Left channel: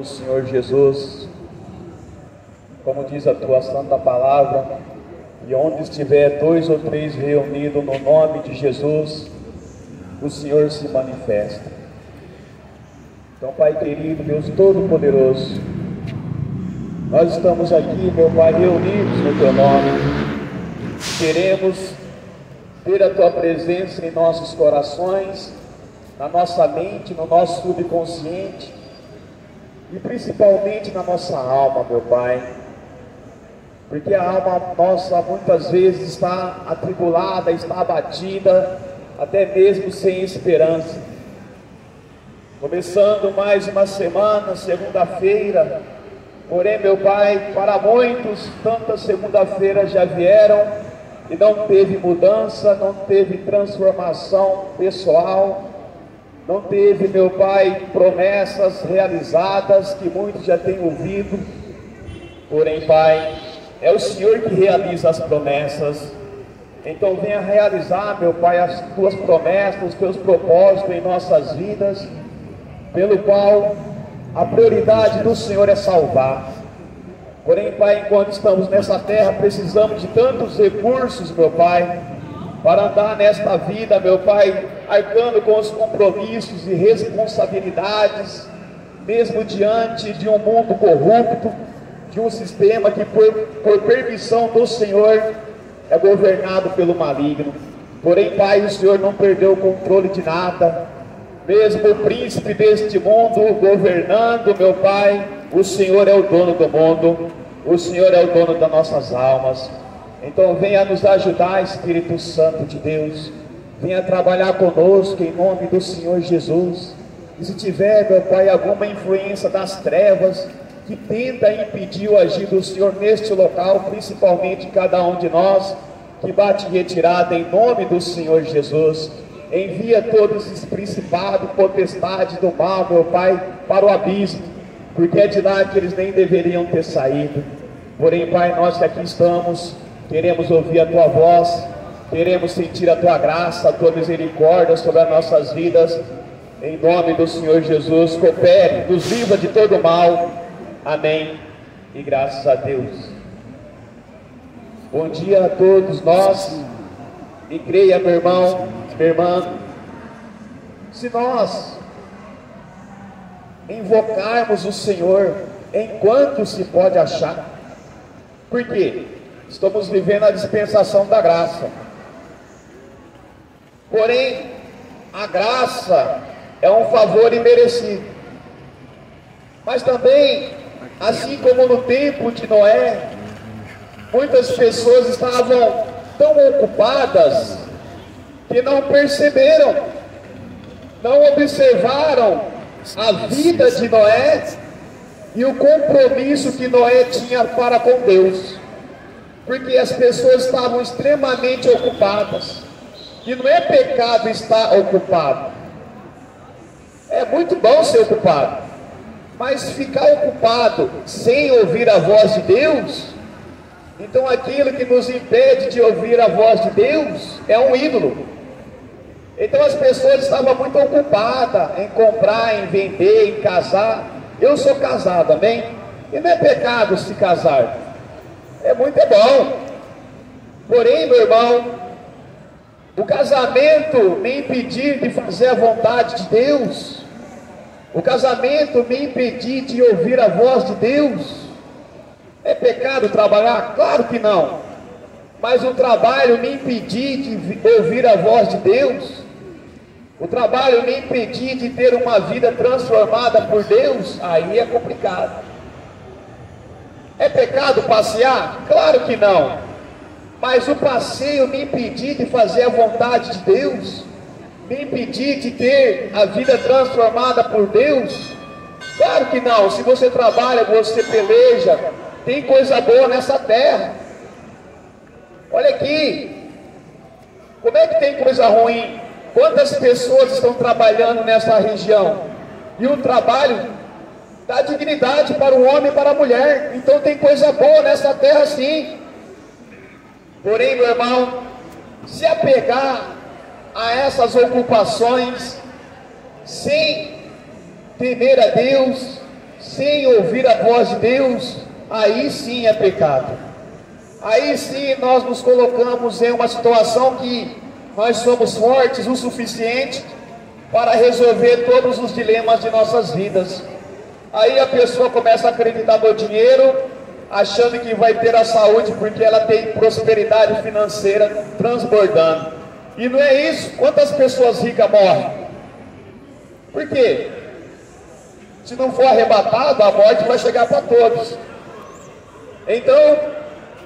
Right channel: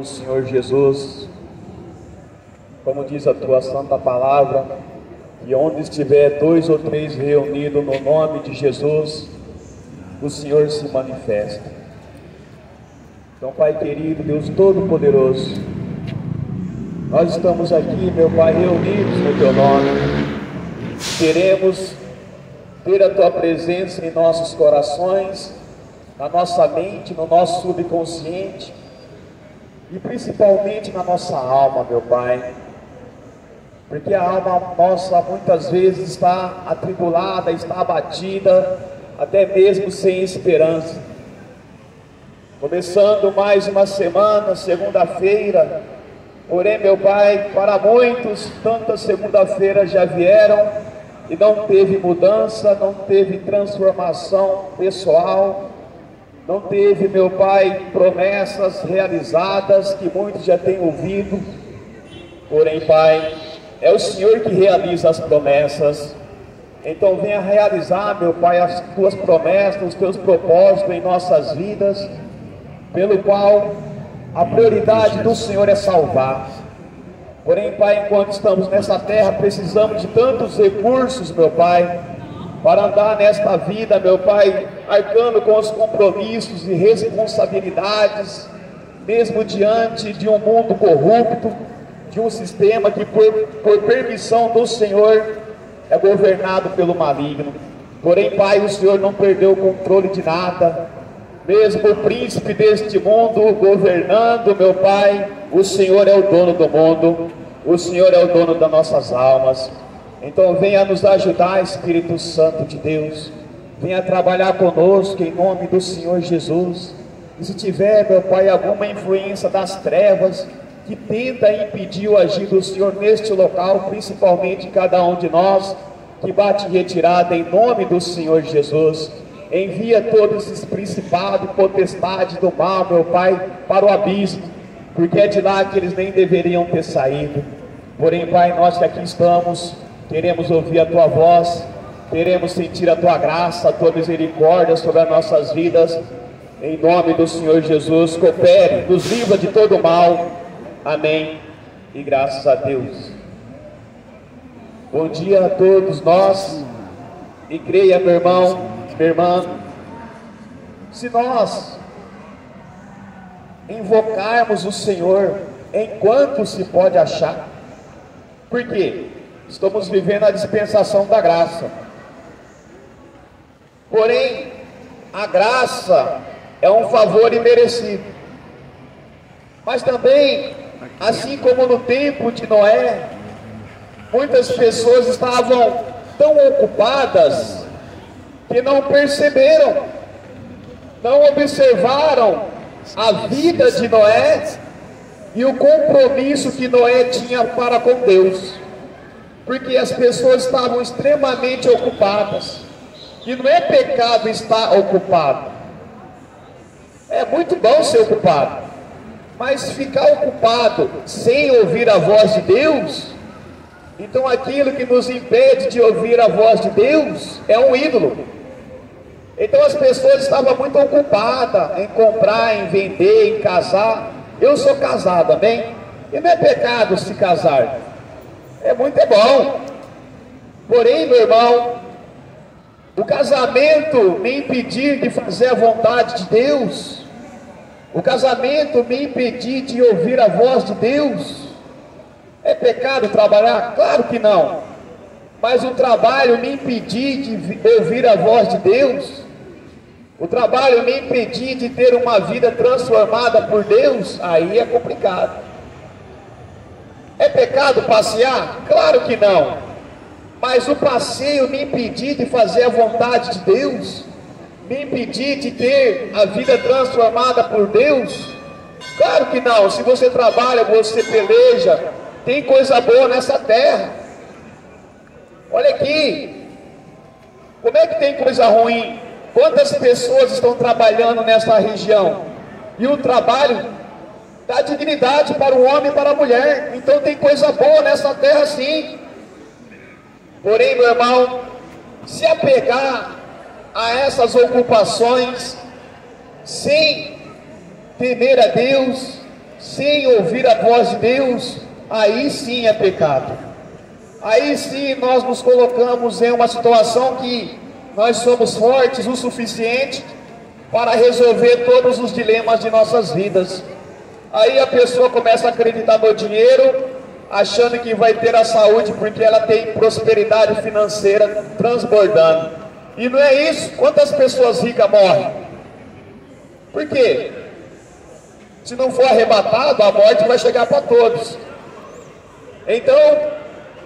O Senhor Jesus, como diz a tua santa palavra, e onde estiver 2 ou 3 reunidos no nome de Jesus, o Senhor se manifesta. Então, Pai querido, Deus Todo-Poderoso, nós estamos aqui, meu Pai, reunidos no teu nome. Queremos ter a tua presença em nossos corações, na nossa mente, no nosso subconsciente, e principalmente na nossa alma, meu Pai, porque a alma nossa muitas vezes está atribulada, está abatida, até mesmo sem esperança. Começando mais uma semana, segunda-feira, porém, meu Pai, para muitos, tantas segunda-feiras já vieram e não teve mudança, não teve transformação pessoal, não teve, meu Pai, promessas realizadas que muitos já têm ouvido. Porém, Pai, é o Senhor que realiza as promessas. Então venha realizar, meu Pai, as tuas promessas, os teus propósitos em nossas vidas, pelo qual a prioridade do Senhor é salvar. Porém, Pai, enquanto estamos nessa terra, precisamos de tantos recursos, meu Pai, para andar nesta vida, meu Pai, arcando com os compromissos e responsabilidades, mesmo diante de um mundo corrupto, de um sistema que por permissão do Senhor é governado pelo maligno. Porém, Pai, o Senhor não perdeu o controle de nada, mesmo o príncipe deste mundo governando, meu Pai, o Senhor é o dono do mundo, o Senhor é o dono das nossas almas. Então venha nos ajudar, Espírito Santo de Deus, venha trabalhar conosco em nome do Senhor Jesus. E se tiver, meu Pai, alguma influência das trevas que tenta impedir o agir do Senhor neste local, principalmente cada um de nós, que bate em retirada em nome do Senhor Jesus, envia todos esses principados e potestades do mal, meu Pai, para o abismo, porque é de lá que eles nem deveriam ter saído. Porém, Pai, nós que aqui estamos, queremos ouvir a tua voz, queremos sentir a tua graça, a tua misericórdia sobre as nossas vidas. Em nome do Senhor Jesus, coopere, nos livra de todo mal. Amém. E graças a Deus. Bom dia a todos nós. E creia, meu irmão, minha irmã, se nós invocarmos o Senhor enquanto se pode achar, por quê? Estamos vivendo a dispensação da graça. Porém, a graça é um favor imerecido. Mas também, assim como no tempo de Noé, muitas pessoas estavam tão ocupadas que não perceberam, não observaram a vida de Noé e o compromisso que Noé tinha para com Deus. Porque as pessoas estavam extremamente ocupadas. E não é pecado estar ocupado. É muito bom ser ocupado. Mas ficar ocupado sem ouvir a voz de Deus, então aquilo que nos impede de ouvir a voz de Deus é um ídolo. Então as pessoas estavam muito ocupadas em comprar, em vender, em casar. Eu sou casado, amém? E não é pecado se casar. É muito bom. Porém, meu irmão, o casamento me impedir de fazer a vontade de Deus, o casamento me impedir de ouvir a voz de Deus, é pecado trabalhar? Claro que não. Mas o trabalho me impedir de ouvir a voz de Deus, o trabalho me impedir de ter uma vida transformada por Deus, aí é complicado. É pecado passear? Claro que não. Mas o passeio me impedir de fazer a vontade de Deus, me impedir de ter a vida transformada por Deus? Claro que não. Se você trabalha, você peleja, tem coisa boa nessa terra. Olha aqui, como é que tem coisa ruim? Quantas pessoas estão trabalhando nessa região? E o trabalho dá dignidade para o homem e para a mulher. Então tem coisa boa nessa terra, sim. Porém, meu irmão, se apegar a essas ocupações sem temer a Deus, sem ouvir a voz de Deus, aí sim é pecado. Aí sim nós nos colocamos em uma situação que nós somos fortes o suficiente para resolver todos os dilemas de nossas vidas. Aí a pessoa começa a acreditar no dinheiro, achando que vai ter a saúde porque ela tem prosperidade financeira transbordando. E não é isso. Quantas pessoas ricas morrem? Por quê? Se não for arrebatado, a morte vai chegar para todos. Então,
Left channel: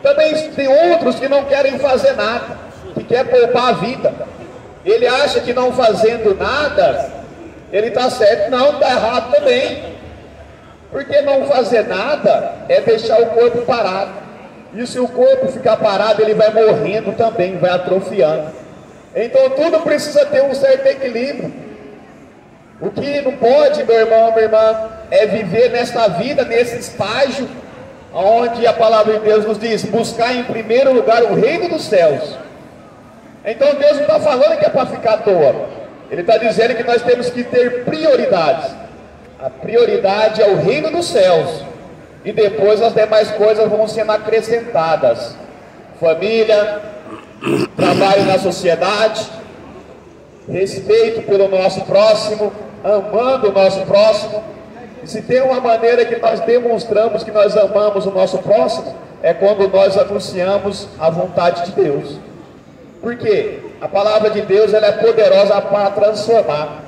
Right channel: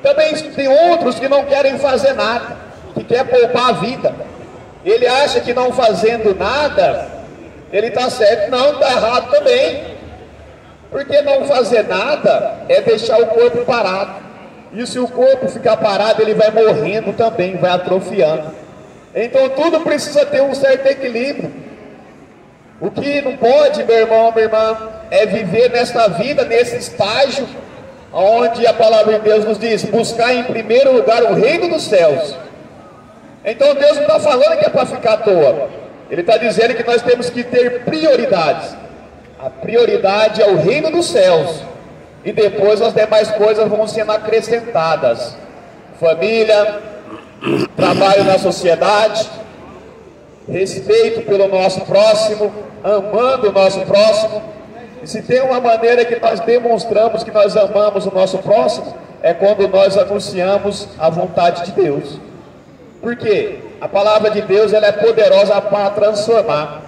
também tem outros que não querem fazer nada, que quer poupar a vida. Ele acha que não fazendo nada, ele está certo. Não, está errado também. Porque não fazer nada é deixar o corpo parado. E se o corpo ficar parado, ele vai morrendo também, vai atrofiando. Então tudo precisa ter um certo equilíbrio. O que não pode, meu irmão, minha irmã, é viver nesta vida, nesse estágio, onde a palavra de Deus nos diz, buscar em primeiro lugar o reino dos céus. Então Deus não está falando que é para ficar à toa. Ele está dizendo que nós temos que ter prioridades. A prioridade é o reino dos céus. E depois as demais coisas vão sendo acrescentadas. Família, trabalho na sociedade, respeito pelo nosso próximo, amando o nosso próximo. E se tem uma maneira que nós demonstramos que nós amamos o nosso próximo, é quando nós anunciamos a vontade de Deus. Por quê? A palavra de Deus, ela é poderosa para transformar.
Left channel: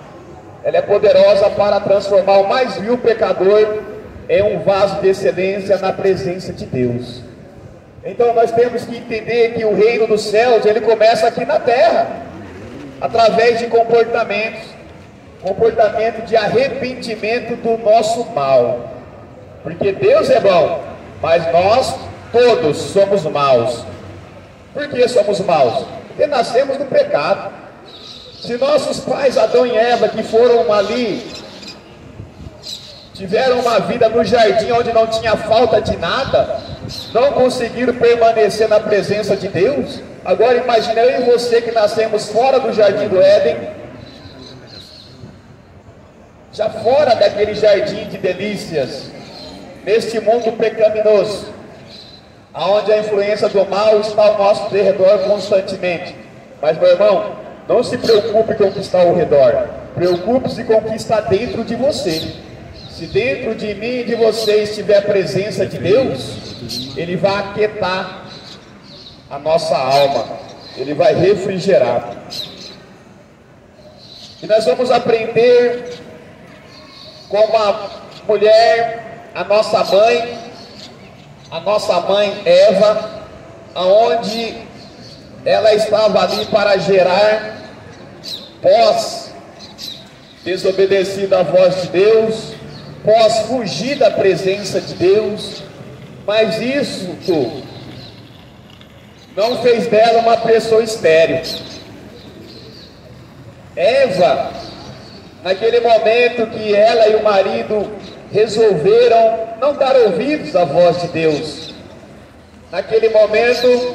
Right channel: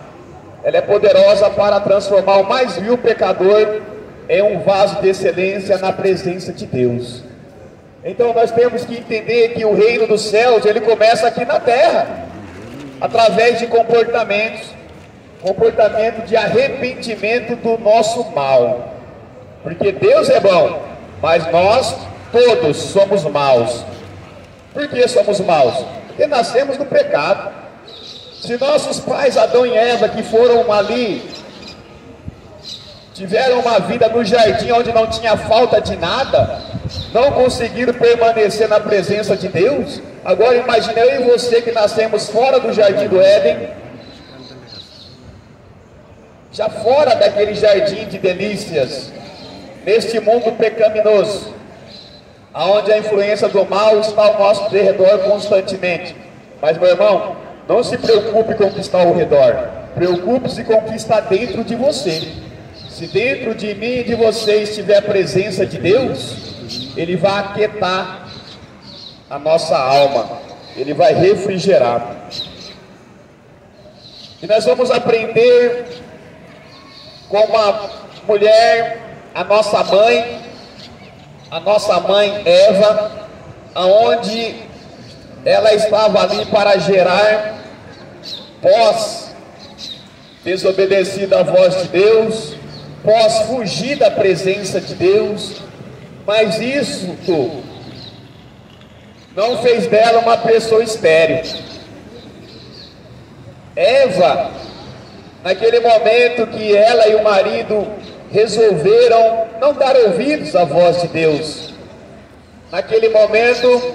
Ela é poderosa para transformar o mais vil pecador em um vaso de excelência na presença de Deus. Então nós temos que entender que o reino dos céus, ele começa aqui na terra, através de comportamento de arrependimento do nosso mal. Porque Deus é bom, mas nós todos somos maus. Por que somos maus? Porque nascemos no pecado. Se nossos pais Adão e Eva, que foram ali, tiveram uma vida no jardim onde não tinha falta de nada, não conseguiram permanecer na presença de Deus, agora imagine eu e você que nascemos fora do jardim do Éden, já fora daquele jardim de delícias, neste mundo pecaminoso, aonde a influência do mal está ao nosso redor constantemente. Mas, meu irmão, não se preocupe com o que está ao redor, preocupe-se com o que está dentro de você. Se dentro de mim e de você estiver a presença de Deus, Ele vai aquietar a nossa alma, Ele vai refrigerar. E nós vamos aprender com uma mulher, a nossa mãe Eva, aonde ela estava ali para gerar, pós desobedecida à voz de Deus, pós fugir da presença de Deus, mas isso não fez dela uma pessoa estéril. Eva, naquele momento que ela e o marido resolveram não dar ouvidos à voz de Deus, naquele momento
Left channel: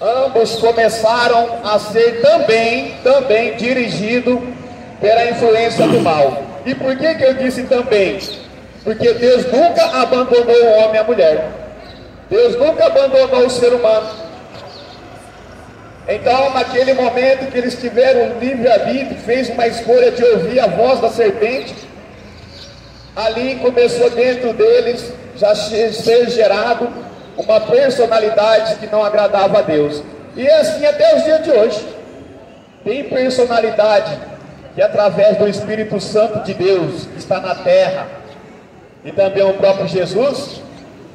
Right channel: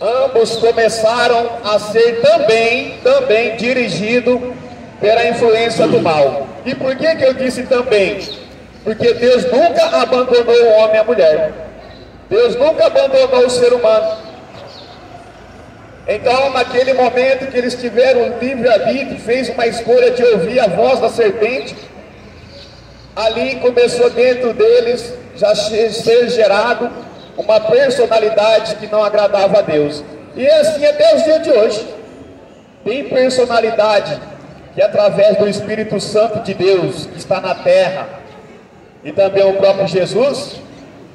ambos começaram a ser também dirigidos pela influência do mal. E por que eu disse também? Porque Deus nunca abandonou o homem e a mulher. Deus nunca abandonou o ser humano. Então, naquele momento que eles tiveram livre-arbítrio, fez uma escolha de ouvir a voz da serpente, ali começou dentro deles já ser gerado uma personalidade que não agradava a Deus. E é assim até os dias de hoje. Tem personalidade que através do Espírito Santo de Deus que está na terra, e também o próprio Jesus,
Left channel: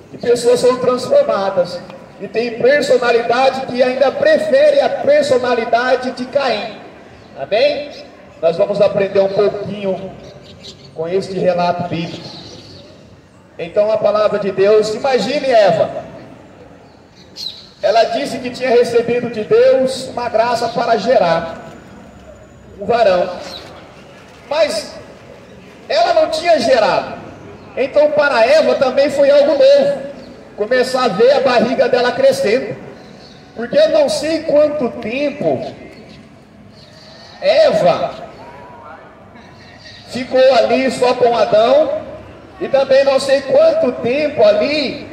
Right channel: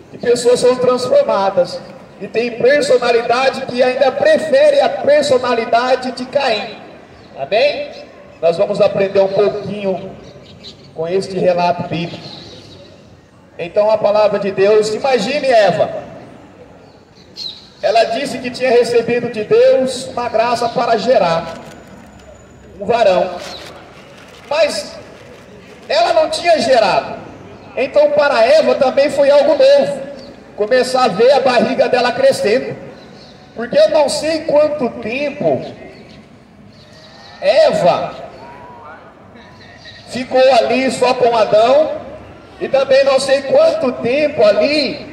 que pessoas são transformadas. E tem personalidade que ainda prefere a personalidade de Caim. Amém? Nós vamos aprender um pouquinho com este relato bíblico. Então a palavra de Deus, imagine Eva. Ela disse que tinha recebido de Deus uma graça para gerar um varão. Mas ela não tinha gerado. Então para Eva também foi algo novo. Começar a ver a barriga dela crescendo. Porque eu não sei quanto tempo Eva ficou ali só com Adão, E também não sei quanto tempo ali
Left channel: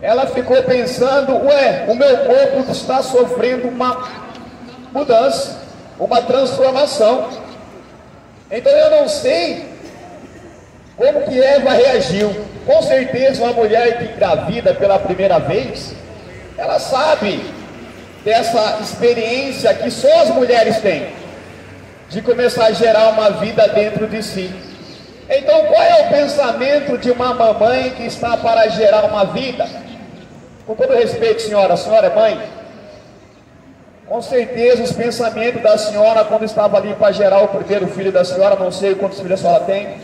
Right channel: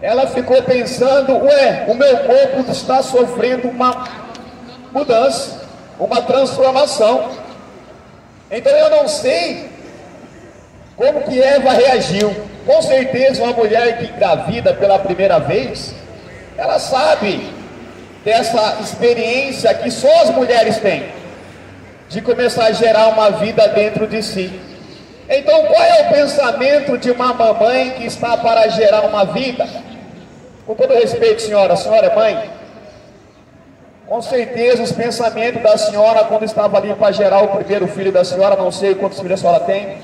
ela ficou pensando, o meu corpo está sofrendo uma mudança, uma transformação. Então eu não sei como que Eva reagiu. Com certeza uma mulher que engravida pela primeira vez, ela sabe dessa experiência que só as mulheres têm, de começar a gerar uma vida dentro de si. Então qual é o pensamento de uma mamãe que está para gerar uma vida? Com todo respeito, senhora, a senhora é mãe? Com certeza os pensamentos da senhora quando estava ali para gerar o primeiro filho da senhora, não sei quantos filhos a senhora tem,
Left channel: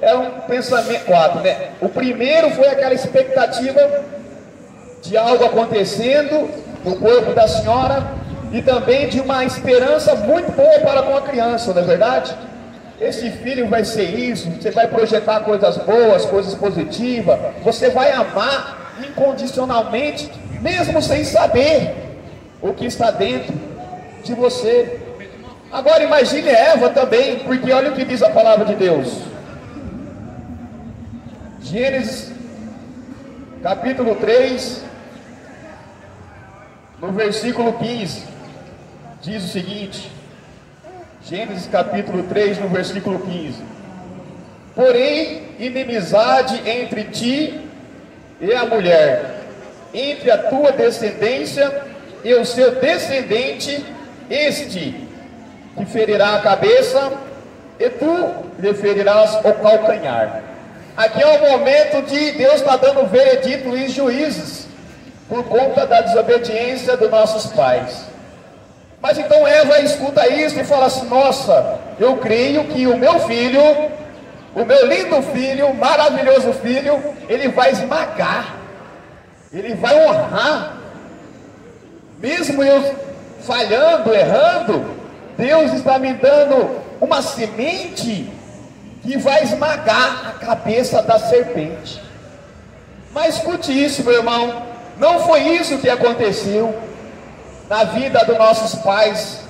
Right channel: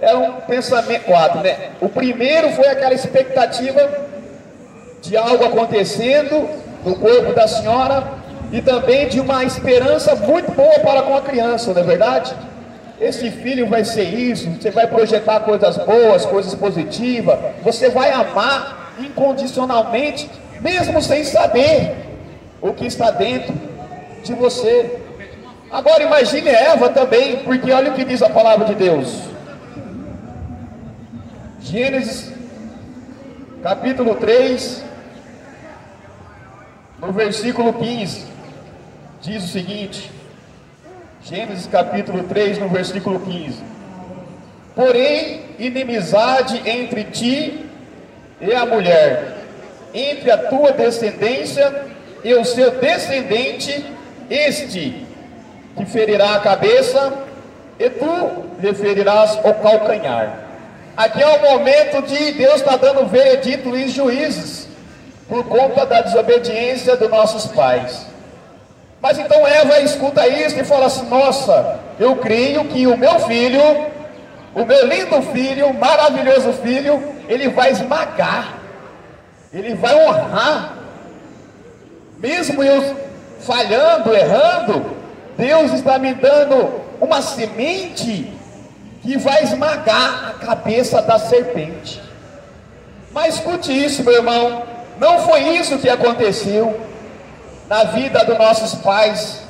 era um pensamento, 4, né? O primeiro foi aquela expectativa de algo acontecendo no corpo da senhora e também de uma esperança muito boa para com a criança, não é verdade? Esse filho vai ser isso, você vai projetar coisas boas, coisas positivas, você vai amar incondicionalmente, mesmo sem saber o que está dentro de você. Agora imagine Eva também, porque olha o que diz a palavra de Deus. Gênesis capítulo 3, no versículo 15, diz o seguinte, Gênesis capítulo 3, no versículo 15: porém, inimizade entre ti e a mulher, entre a tua descendência e o seu descendente, este te ferirá a cabeça e tu lhe ferirás o calcanhar. Aqui é o momento de Deus estar dando veredito em juízes por conta da desobediência dos nossos pais. Mas então Eva escuta isso e fala assim: nossa, eu creio que o meu filho, o meu lindo filho, maravilhoso filho, ele vai esmagar, ele vai honrar, mesmo eu falhando, errando, Deus está me dando uma semente que vai esmagar a cabeça da serpente. Mas escute isso, meu irmão, não foi isso que aconteceu na vida dos nossos pais,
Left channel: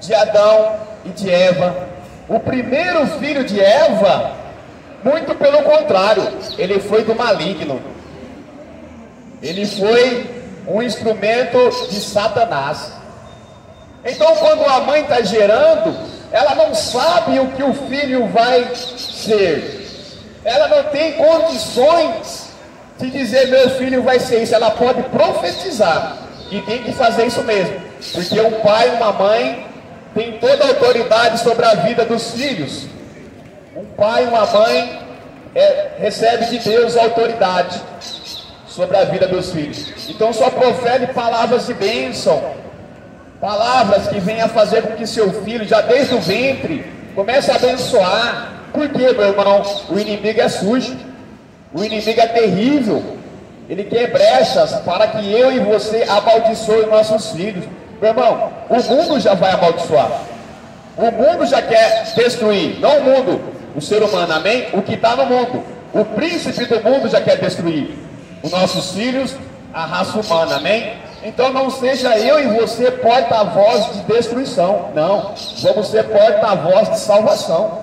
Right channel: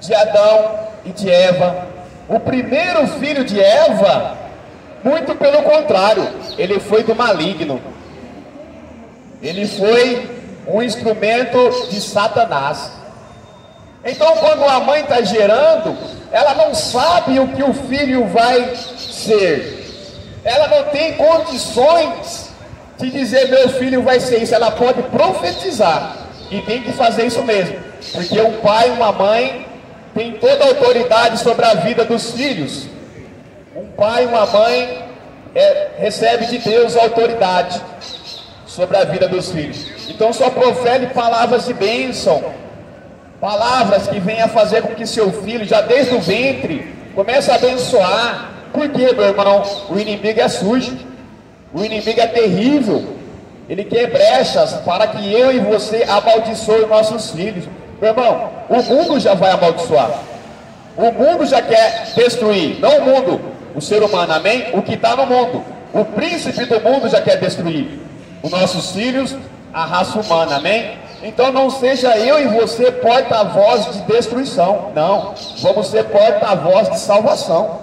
de Adão e de Eva. O primeiro filho de Eva, muito pelo contrário, ele foi do maligno, ele foi um instrumento de Satanás. Então quando a mãe está gerando, ela não sabe o que o filho vai ser, ela não tem condições de dizer meu filho vai ser isso. Ela pode profetizar, e tem que fazer isso mesmo, porque um pai e uma mãe tem toda a autoridade sobre a vida dos filhos. Um pai e uma mãe recebe de Deus a autoridade sobre a vida dos filhos. Então só profere palavras de bênção, palavras que venham a fazer com que seu filho, já desde o ventre, comece a abençoar. Por quê, meu irmão? O inimigo é sujo, o inimigo é terrível. Ele quer brechas para que eu e você amaldiçoe nossos filhos. Meu irmão, o mundo já vai amaldiçoar, o mundo já quer destruir, não o mundo, o ser humano, amém? O que está no mundo, o príncipe do mundo já quer destruir os nossos filhos, a raça humana, amém? Então não seja eu e você porta-voz de destruição, não, vamos ser porta-voz de salvação.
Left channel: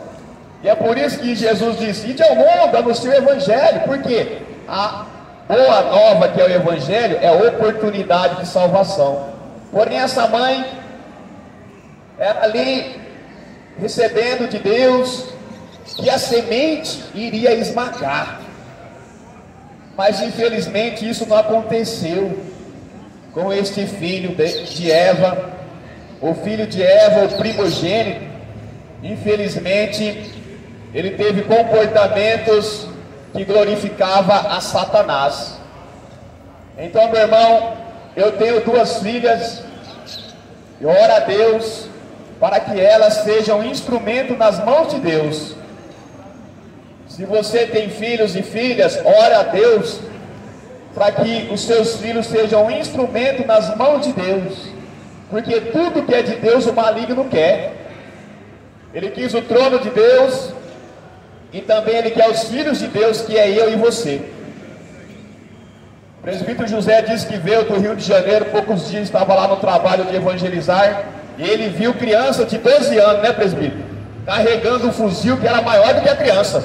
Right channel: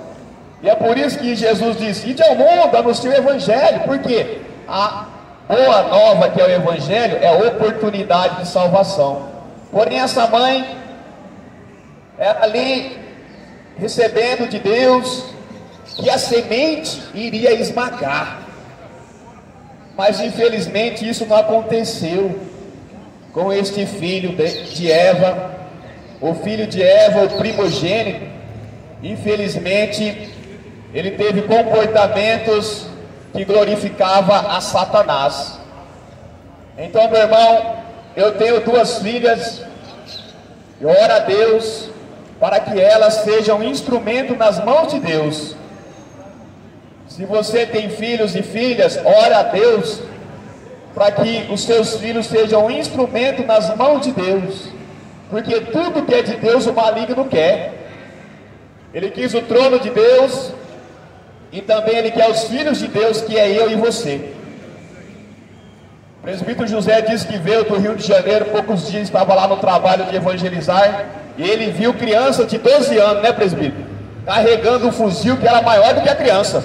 E é por isso que Jesus disse: ide ao mundo, anuncie o evangelho. Por quê? A boa nova, que é o evangelho, é a oportunidade de salvação. Porém essa mãe era ali recebendo de Deus que a semente iria esmagar, mas infelizmente isso não aconteceu com este filho de Eva. O filho de Eva, o primogênito, infelizmente ele teve comportamentos que glorificava a Satanás. Então, meu irmão, eu tenho 2 filhas, e oro a Deus para que elas sejam instrumento nas mãos de Deus. Se você tem filhos e filhas, ore a Deus para que os seus filhos sejam instrumento nas mãos de Deus, porque tudo que é de Deus o maligno quer. Ele quis o trono de Deus, e também ele quer os filhos de Deus, que é eu e você. O presbítero José disse que veio do Rio de Janeiro, poucos dias estava lá no trabalho de evangelizar, e ele viu criança de 12 anos, né, presbítero? Carregando um fuzil que era maior do que a criança.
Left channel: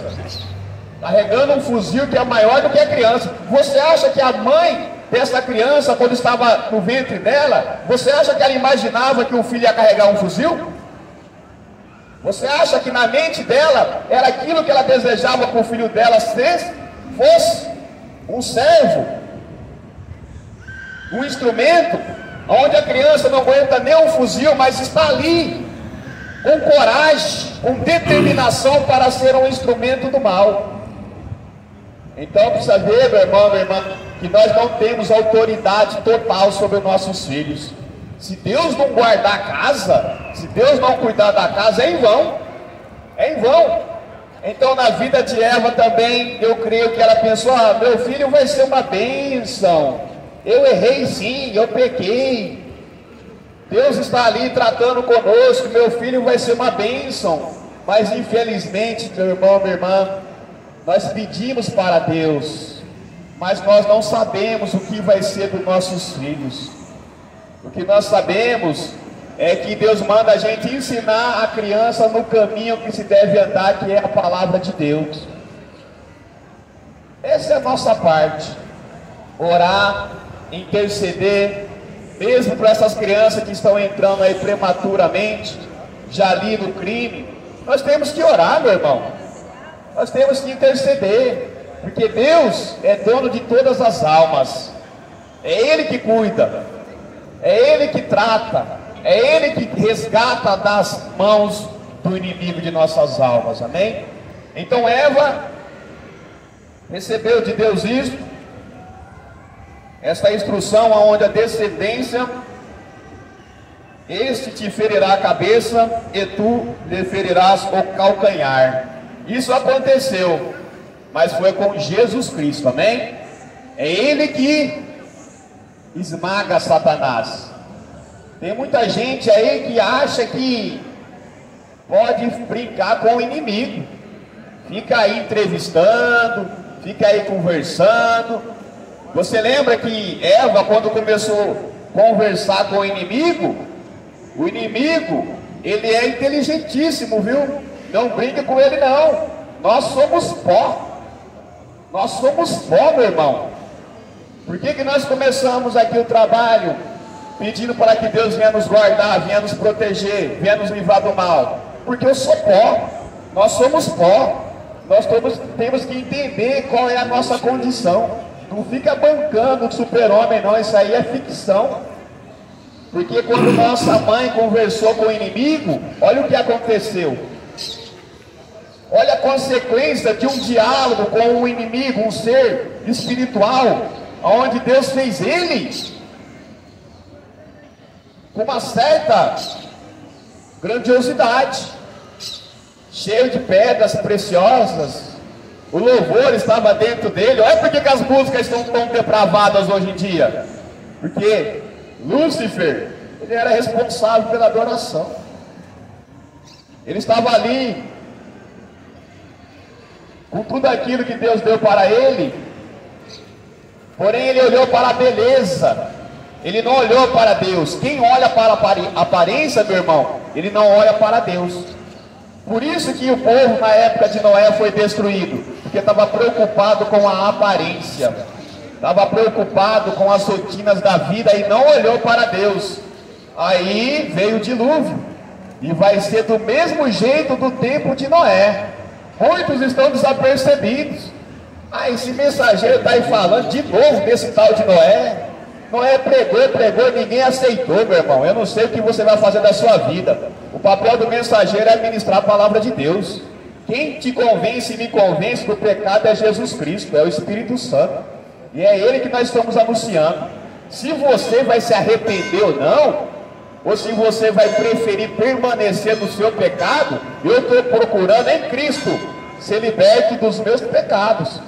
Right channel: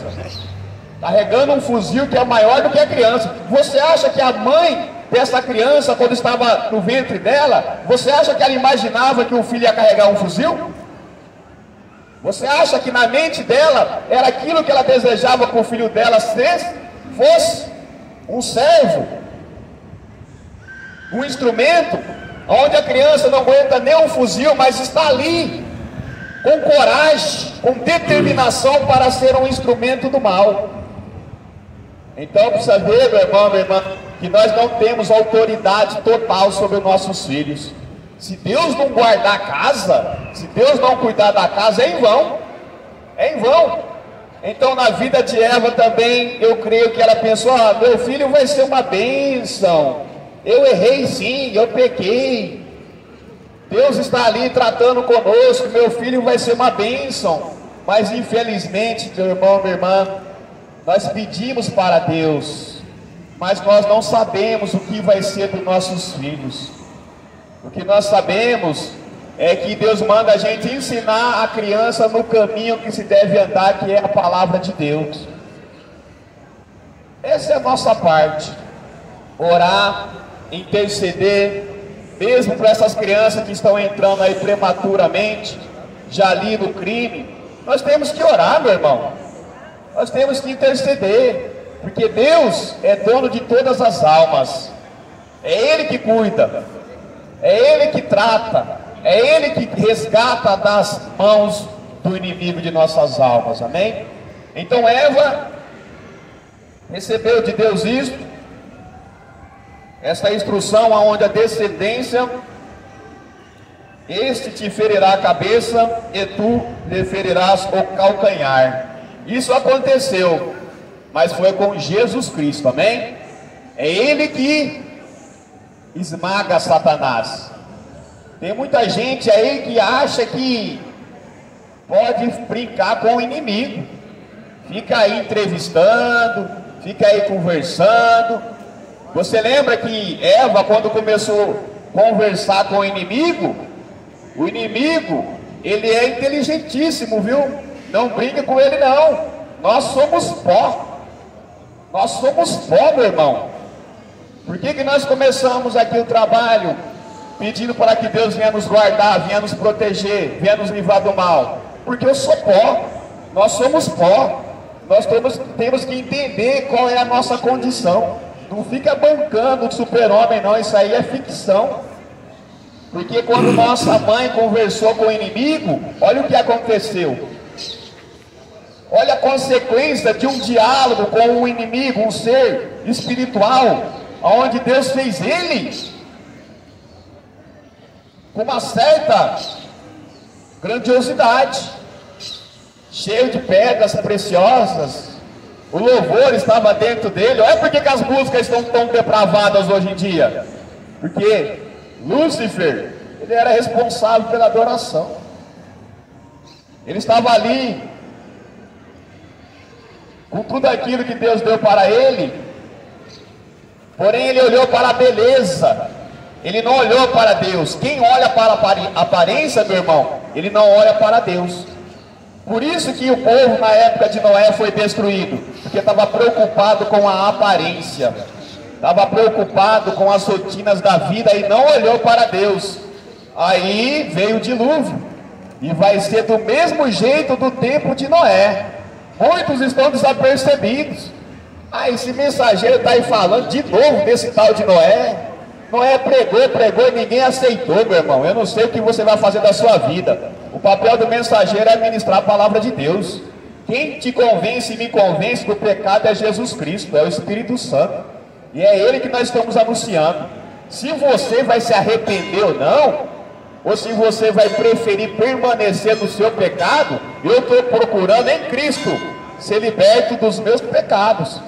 carregando um fuzil que é maior do que a criança. Você acha que a mãe dessa criança, quando estava no ventre dela, você acha que ela imaginava que o filho ia carregar um fuzil? Você acha que na mente dela era aquilo que ela desejava que o filho dela fosse um servo, um instrumento, onde a criança não aguenta nem um fuzil, mas está ali com coragem, com determinação para ser um instrumento do mal. Então precisa ver, meu irmão, minha irmã, que nós não temos autoridade total sobre os nossos filhos. Se Deus não guardar a casa, se Deus não cuidar da casa, é em vão. É em vão. Então na vida de Eva também, eu creio que ela pensou, meu filho vai ser uma bênção. Eu errei sim, eu pequei. Deus está ali tratando conosco, meu filho vai ser uma bênção. Mas infelizmente, meu irmão, minha irmã, nós pedimos para Deus, mas nós não sabemos o que vai ser dos nossos filhos. O que nós sabemos é que Deus manda a gente ensinar a criança no caminho que se deve andar, que é a palavra de Deus. Essa é a nossa parte. Orar, interceder, mesmo para essas crianças que estão entrando aí prematuramente, já ali no crime. Nós temos que orar, meu irmão. Nós temos que interceder, porque Deus é dono de todas as almas. É Ele que cuida, é Ele que trata, é Ele que resgata das mãos do inimigo de nossas almas, amém? Então Eva recebeu de Deus isso, essa instrução onde a descendência, este te ferirá a cabeça e tu lhe ferirás o calcanhar. Isso aconteceu, mas foi com Jesus Cristo, amém? É Ele que esmaga Satanás. Tem muita gente aí que acha que pode brincar com o inimigo, fica aí entrevistando, fica aí conversando. Você lembra que Eva, quando começou a conversar com o inimigo, ele é inteligentíssimo, viu? Não brinca com ele não. Nós somos pó. Nós somos pó, meu irmão. Por que nós começamos aqui o trabalho pedindo para que Deus venha nos guardar, venha nos proteger, venha nos livrar do mal? Porque eu sou pó. Nós somos pó. Nós todos temos que entender qual é a nossa condição. Não fica bancando de super-homem não, isso aí é ficção. Porque quando nossa mãe conversou com o inimigo, olha o que aconteceu. Olha a consequência de um diálogo com um inimigo, um ser espiritual, onde Deus fez ele com uma certa grandiosidade, cheio de pedras preciosas. O louvor estava dentro dele. Olha por que as músicas estão tão depravadas hoje em dia. Porque Lúcifer, ele era responsável pela adoração. Ele estava ali com tudo aquilo que Deus deu para ele, porém ele olhou para a beleza, ele não olhou para Deus. Quem olha para a aparência, meu irmão, ele não olha para Deus. Por isso que o povo na época de Noé foi destruído, porque estava preocupado com a aparência, estava preocupado com as rotinas da vida e não olhou para Deus. Aí veio o dilúvio, e vai ser do mesmo jeito do tempo de Noé. Muitos estão desapercebidos. Esse mensageiro está aí falando de novo desse tal de Noé. Noé pregou e ninguém aceitou, meu irmão. Eu não sei o que você vai fazer da sua vida. O papel do mensageiro é ministrar a palavra de Deus. Quem te convence e me convence do pecado é Jesus Cristo, é o Espírito Santo. E é Ele que nós estamos anunciando. Se você vai se arrepender ou não, ou se você vai preferir permanecer no seu pecado, eu estou procurando em Cristo ser liberte dos meus pecados.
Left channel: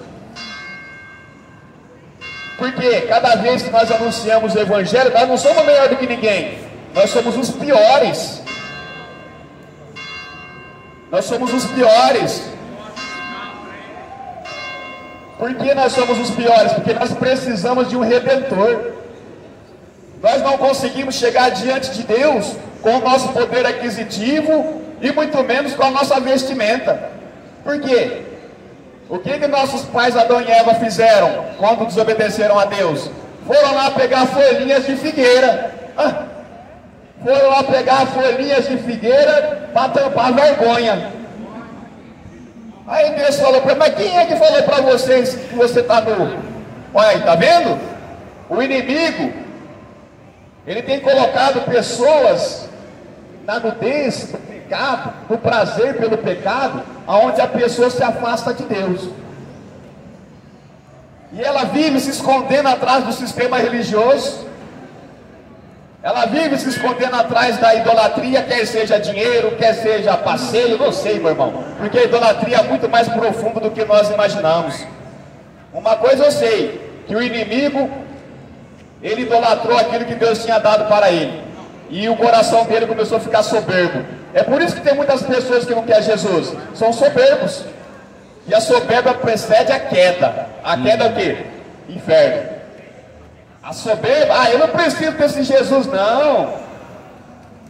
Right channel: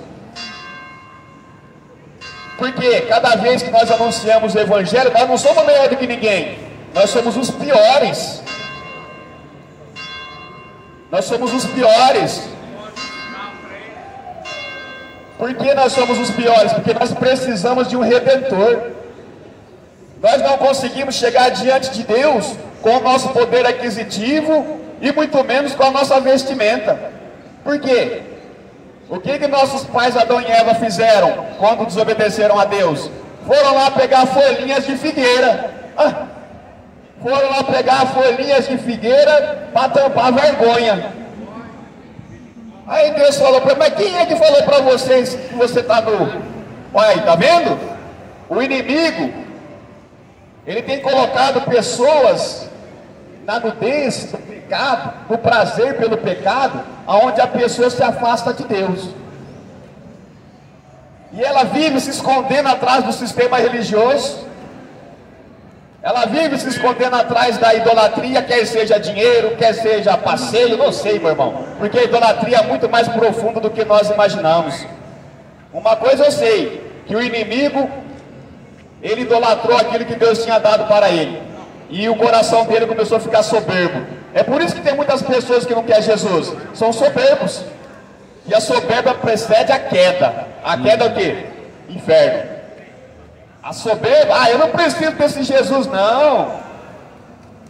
Porque cada vez que nós anunciamos o Evangelho, nós não somos melhor do que ninguém. Nós somos os piores. Nós somos os piores. Por que nós somos os piores? Porque nós precisamos de um Redentor. Nós não conseguimos chegar diante de Deus com o nosso poder aquisitivo e muito menos com a nossa vestimenta. Por quê? O que nossos pais Adão e Eva fizeram quando desobedeceram a Deus? Foram lá pegar folhinhas de figueira. Foram lá pegar folhinhas de figueira para tampar a vergonha. Aí Deus falou para ele, mas quem é que falou para vocês que você está nu? Olha aí, tá vendo? O inimigo, ele tem colocado pessoas na nudez do pecado, no prazer pelo pecado, aonde a pessoa se afasta de Deus. E ela vive se escondendo atrás do sistema religioso. Ela vive se escondendo atrás da idolatria, quer seja dinheiro, quer seja passeio, não sei, meu irmão. Porque a idolatria é muito mais profunda do que nós imaginamos. Uma coisa eu sei, que o inimigo, ele idolatrou aquilo que Deus tinha dado para ele. E o coração dele começou a ficar soberbo. É por isso que tem muitas pessoas que não querem Jesus. São soberbos. E a soberba precede a queda. A queda é o quê? Inferno. A soberba, eu não preciso desse Jesus, não.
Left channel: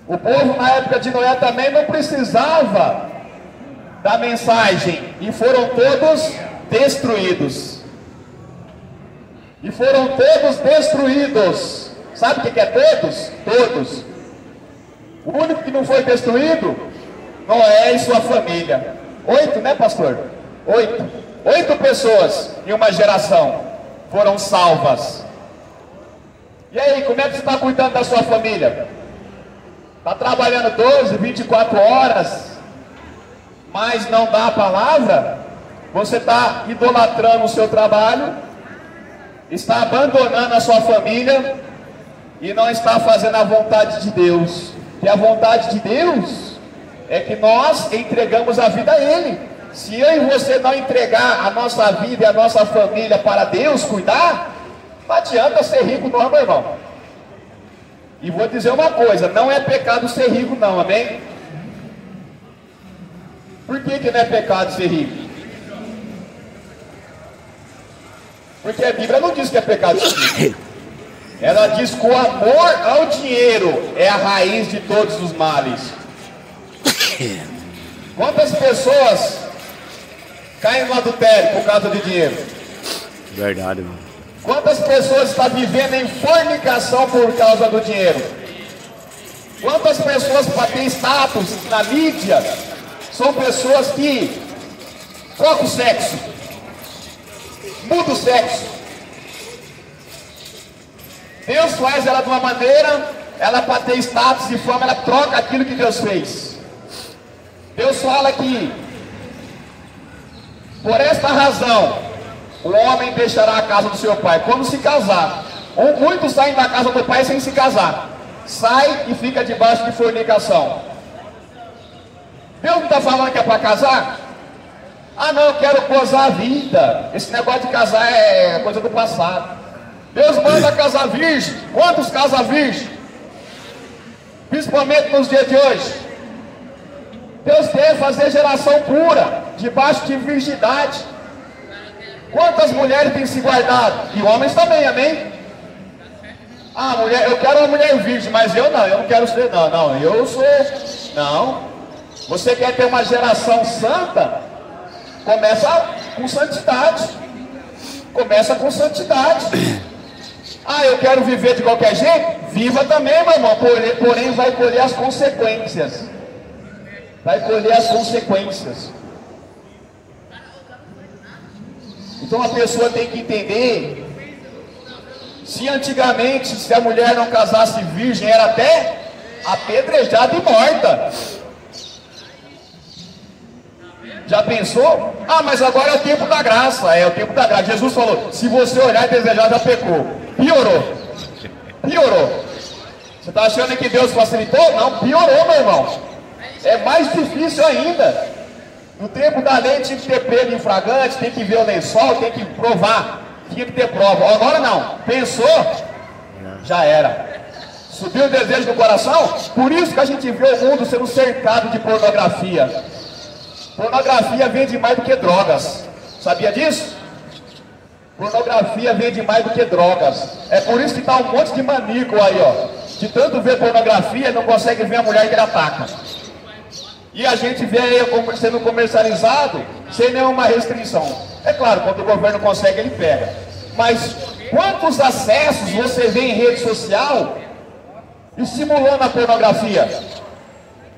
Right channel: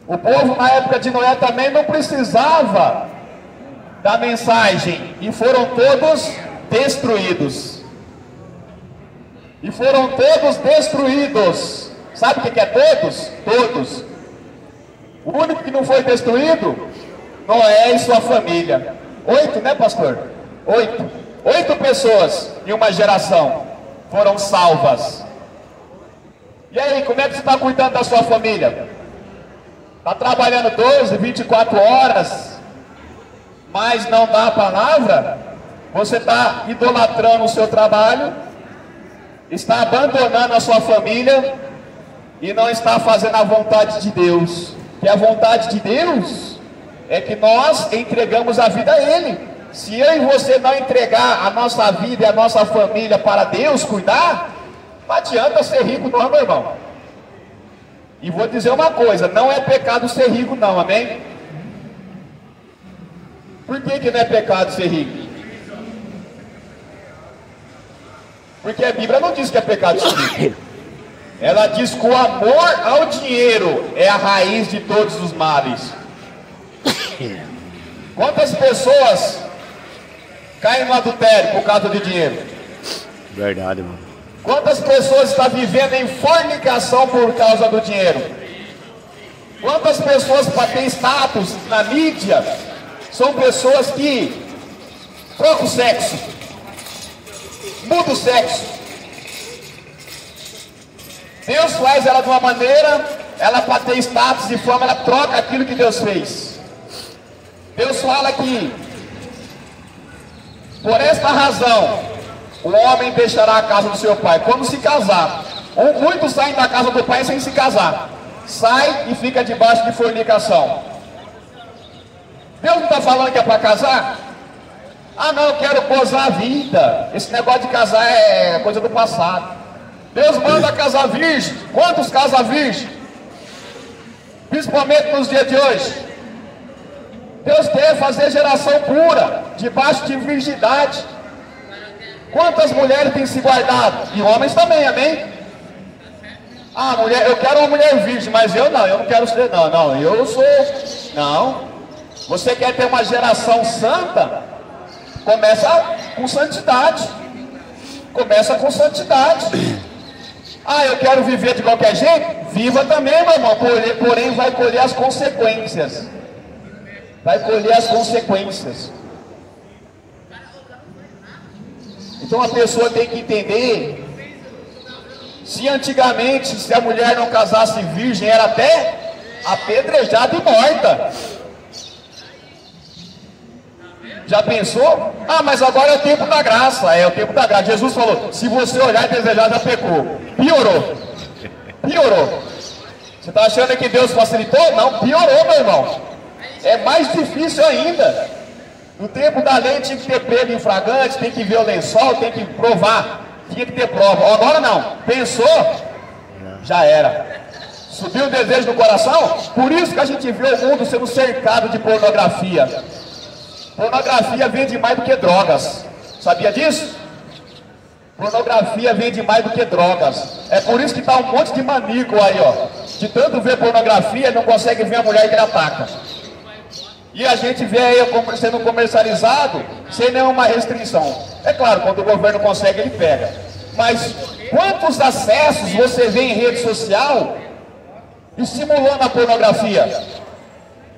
O povo na época de Noé também não precisava da mensagem. E foram todos destruídos. E foram todos destruídos. Sabe o que é todos? Todos. O único que não foi destruído, Noé e sua família. 8, né, pastor? 8. 8 pessoas em uma geração foram salvas. E aí, como é que você está cuidando da sua família? Está trabalhando 12, 24 horas, mas não dá a palavra? Você está idolatrando o seu trabalho, está abandonando a sua família e não está fazendo a vontade de Deus. Que a vontade de Deus é que nós entregamos a vida a Ele. Se eu e você não entregar a nossa vida e a nossa família para Deus cuidar, não adianta ser rico não, meu irmão. E vou dizer uma coisa, não é pecado ser rico não, amém? Por que não é pecado ser rico? Porque a Bíblia não diz que é pecado ser rico. Ela diz que o amor ao dinheiro é a raiz de todos os males. Quantas pessoas caem no adultério por causa de dinheiro? Verdade, irmão. Quantas pessoas estão vivendo em fornicação por causa do dinheiro? Quantas pessoas para ter status na mídia são pessoas que trocam o sexo, mudam o sexo? Deus faz ela de uma maneira, ela para ter status e fama, ela troca aquilo que Deus fez. Deus fala que por esta razão o homem deixará a casa do seu pai quando se casar. Muitos saem da casa do pai sem se casar, sai e fica debaixo de fornicação. Deus não está falando que é para casar? Ah não, eu quero gozar a vida. Esse negócio de casar é coisa do passado. Deus manda casar virgem. Quantos casam virgem? Principalmente nos dias de hoje. Deus quer fazer geração pura, debaixo de virgindade. Quantas mulheres têm se guardado? E homens também, amém? Ah, mulher, eu quero uma mulher virgem, mas eu não quero ser, não, eu sou, não. Você quer ter uma geração santa? Começa com santidade. Começa com santidade. Ah, eu quero viver de qualquer jeito? Viva também, meu irmão, porém vai colher as consequências. Vai colher as consequências. Então a pessoa tem que entender, se antigamente, se a mulher não casasse virgem, era até apedrejada e morta. Já pensou? Ah, mas agora é o tempo da graça. É o tempo da graça. Jesus falou, se você olhar e desejar, já pecou. Piorou. Piorou. Você está achando que Deus facilitou? Não, piorou, meu irmão. É mais difícil ainda. No tempo da lei tinha que ter pego em flagrante, tem que ver o lençol, tem que provar. Tinha que ter prova. Agora não. Pensou? Já era. Subiu o desejo do coração? Por isso que a gente vê o mundo sendo cercado de pornografia. Pornografia vende mais do que drogas. Sabia disso? Pornografia vende mais do que drogas. É por isso que está um monte de maníaco aí, ó. De tanto ver pornografia, não consegue ver a mulher que ele ataca. E a gente vê aí sendo comercializado sem nenhuma restrição. É claro, quando o governo consegue, ele pega. Mas quantos acessos você vê em rede social estimulando a pornografia?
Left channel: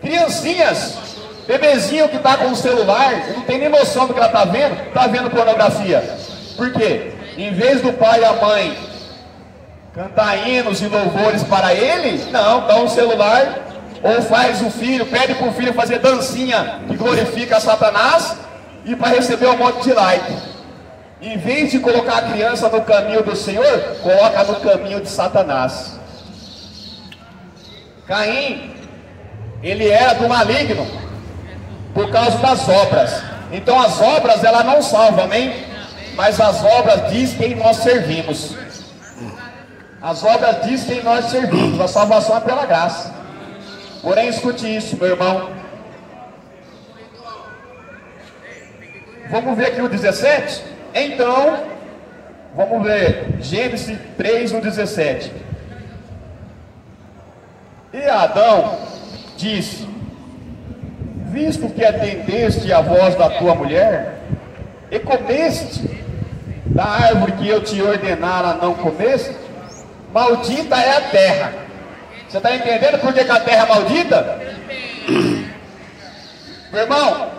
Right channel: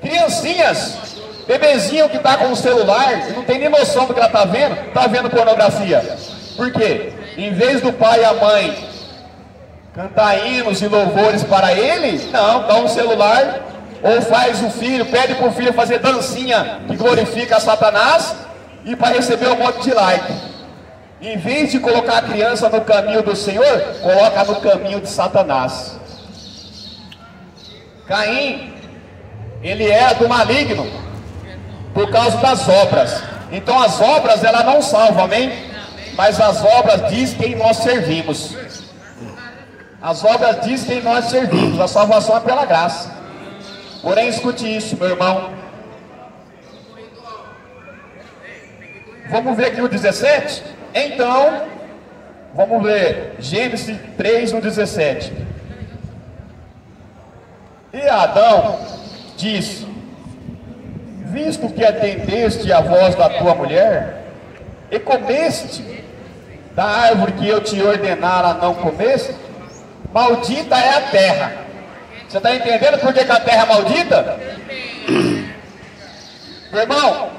Criancinhas, bebezinho que está com o celular, não tem nem noção do que ela está vendo pornografia. Por quê? Em vez do pai e a mãe cantar hinos e louvores para ele, não, dá um celular, ou faz o filho, pede para o filho fazer dancinha que glorifica Satanás, e para receber um monte de like. Em vez de colocar a criança no caminho do Senhor, coloca no caminho de Satanás. Caim, ele é do maligno por causa das obras. Então as obras, ela não salvam, amém? Mas as obras diz quem nós servimos. As obras diz quem nós servimos. A salvação é pela graça. Porém, escute isso, meu irmão. Vamos ver aqui o 17? Então, vamos ver Gênesis 3, no 17. E Adão disse: visto que atendeste à voz da tua mulher, e comeste da árvore que eu te ordenara não comeste, maldita é a terra. Você está entendendo por que a terra é maldita? Meu irmão,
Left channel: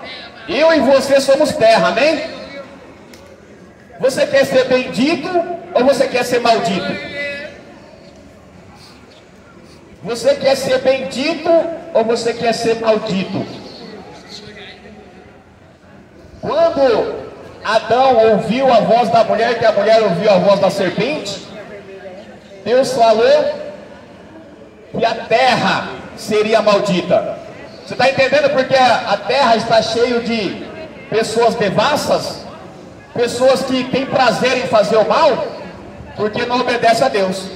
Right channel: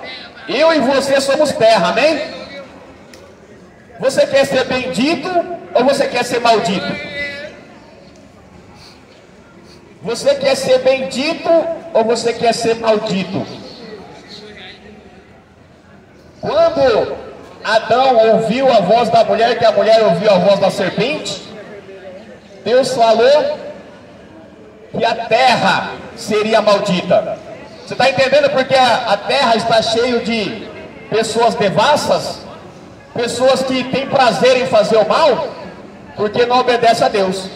eu e você somos terra, amém? Você quer ser bendito ou você quer ser maldito? Você quer ser bendito ou você quer ser maldito? Quando Adão ouviu a voz da mulher, que a mulher ouviu a voz da serpente, Deus falou que a terra seria maldita. Você está entendendo porque a terra está cheia de pessoas devassas, pessoas que têm prazer em fazer o mal, porque não obedece a Deus.